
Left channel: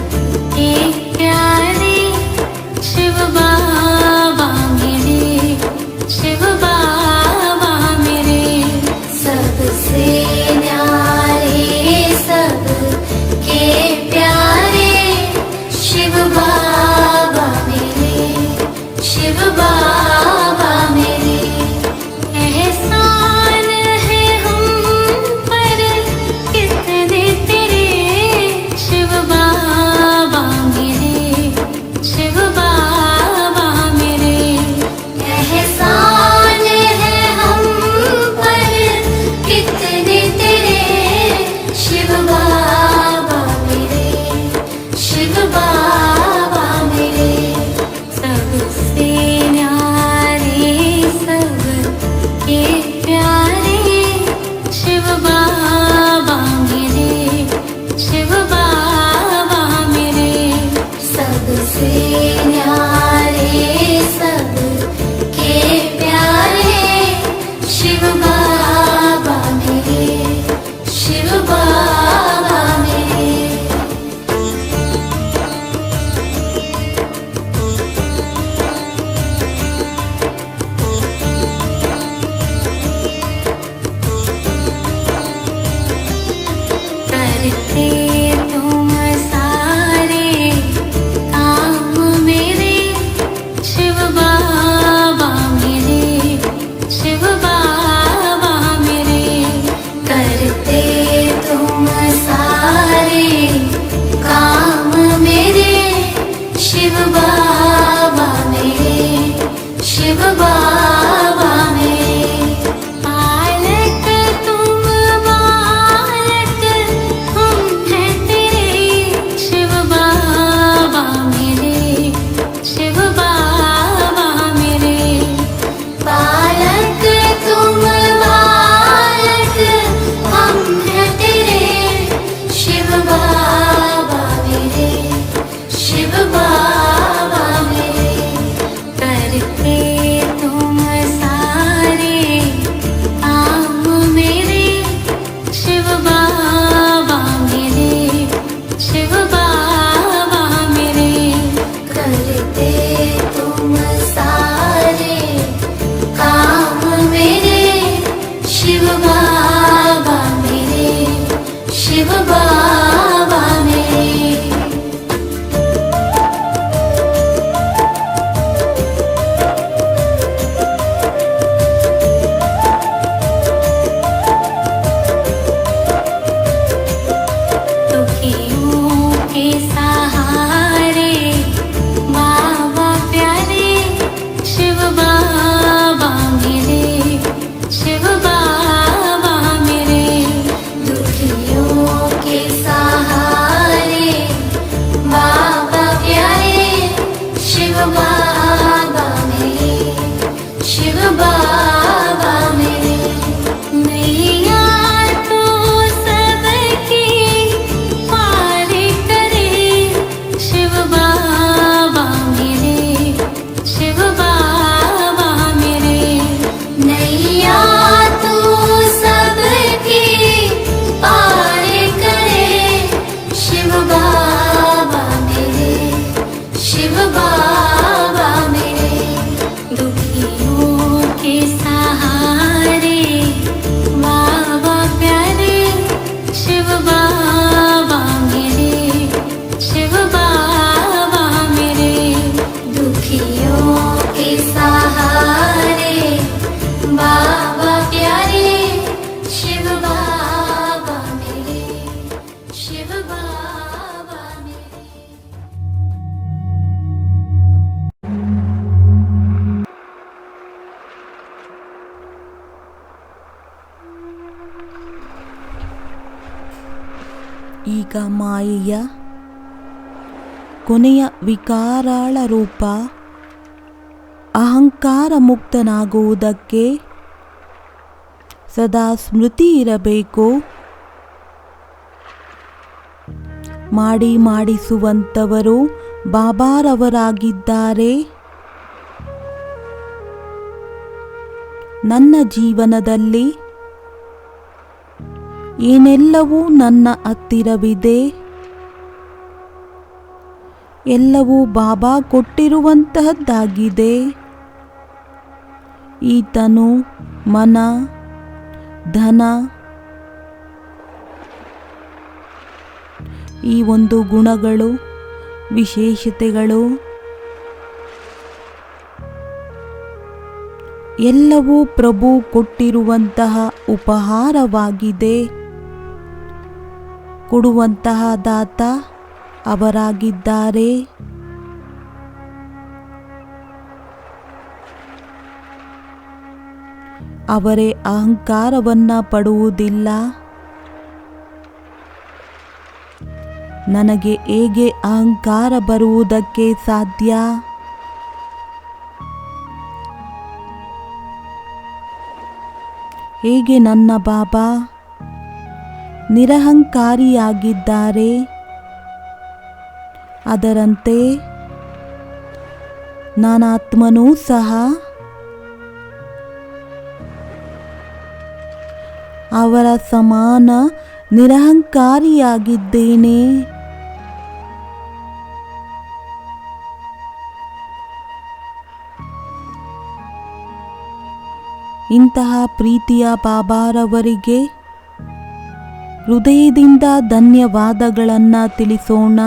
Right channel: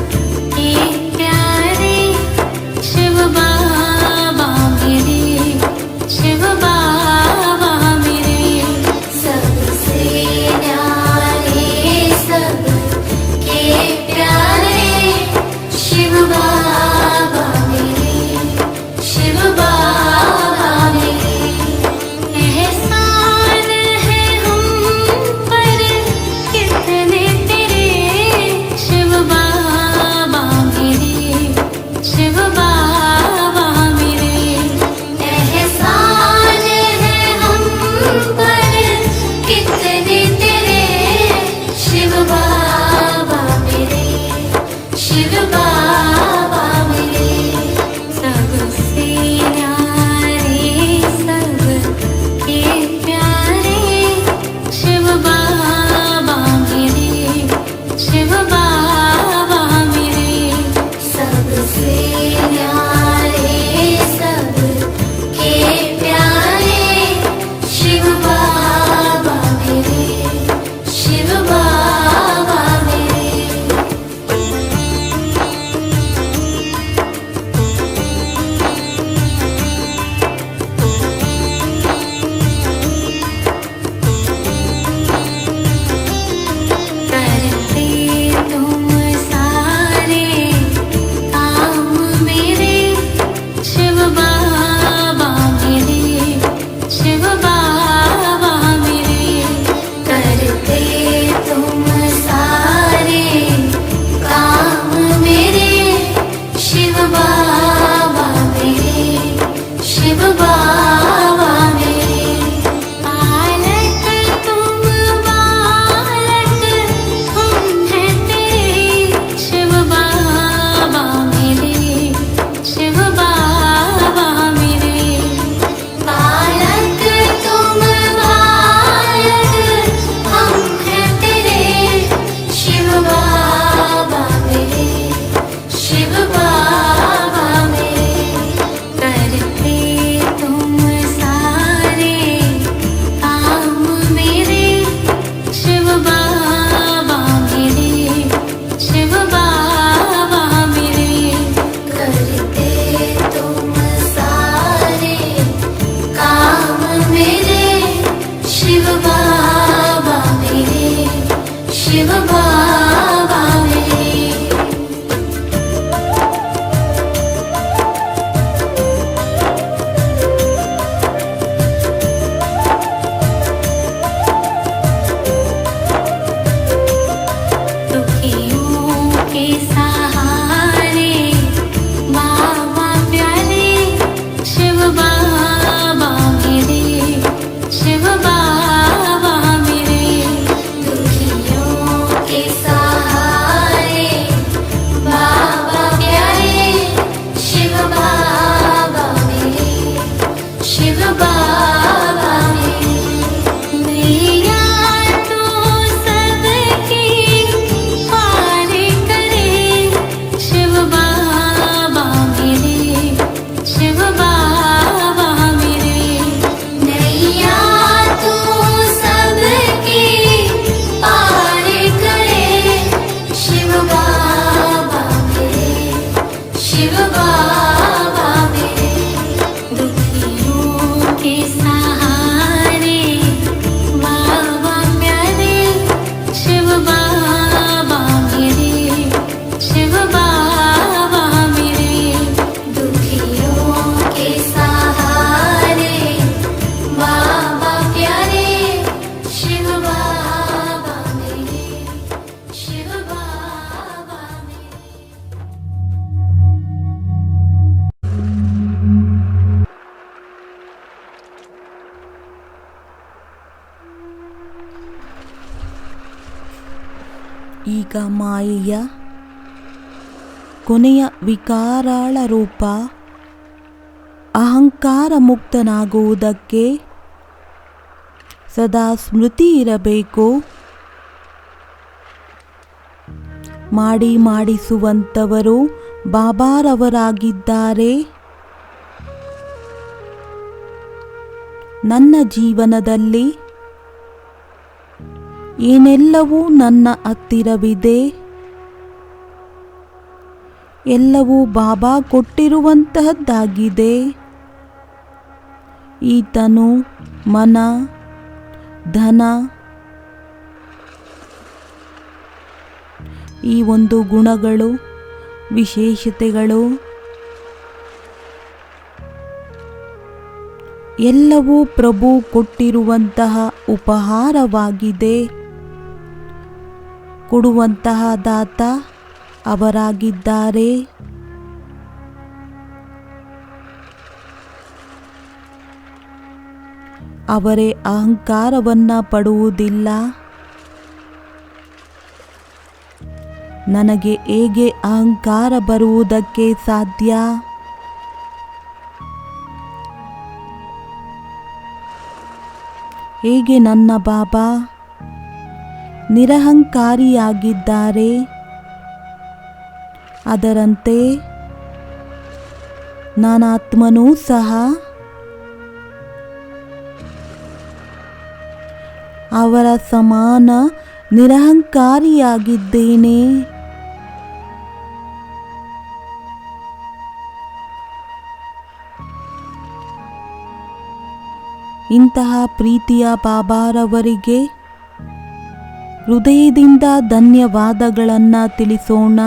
ಈಗ ಮಾಯೆಯ ಕೊನೆಯ ವಿಕಾರಾಳ ರೂಪ ಅಹಂಕಾರ ಮುಕ್ತನಾಗುವುದಕ್ಕೆ ಸದಾ ಸ್ಮೃತಿ ಇರಬೇಕು. ಮಾಡಿಸುವಂಥವರು ಬಾಬಾರವರಾಗಿದ್ದಾರೆ. ನನ್ನ ಜೀವನದಲ್ಲಿ ಏನೆಲ್ಲವೂ ನನ್ನ ಹತ್ತಿರವಿದೆ, ಎಲ್ಲವೂ ಬಾಬಾ ಕೊಟ್ಟಿರುವಂತಹದ್ದಾಗಿದೆ. ಈ ತನು, ಮನ, ಧನ, ಈ ಒಂದು ಗುಣಗಳು, ವಿಶೇಷತೆಗಳು ಎಲ್ಲವೂ ಪ್ರಭು ಕೊಟ್ಟಿರುವಂತಹ ಉಪಹಾರವಾಗಿದೆ. ಕೊಡುವಂತಹ ದಾತ ಅವರಾಗಿದ್ದಾರೆ. ಅವರೇ ಅಹಂಕಾರವನ್ನ ಪಡುವುದಿಲ್ಲ. ನನಗೆ ಹೇಗೆ ಅಹಂಕಾರ ಬರುವುದಕ್ಕೆ ಸಾಧ್ಯ? ಹೇಗೆ ನನ್ನ ಬಾಬಾ ನಿರಹಂಕಾರಿಯಾಗಿದ್ದಾರೆ, ಅದರಂತೆ ನಾನಾತ್ಮನೂ ಸಹ ಅವರ ಸಮಾನ ನಿರಹಂಕಾರಿಯಾಗಿದ್ದೇನೆ. ಇಂತಹ ಪ್ರೀತಿಯ ಬಾಬಾರವರಿಗೆ ಹೃದಯದಿಂದ ಧನ್ಯವಾದಗಳನ್ನು ತಿಳಿಸೋಣ.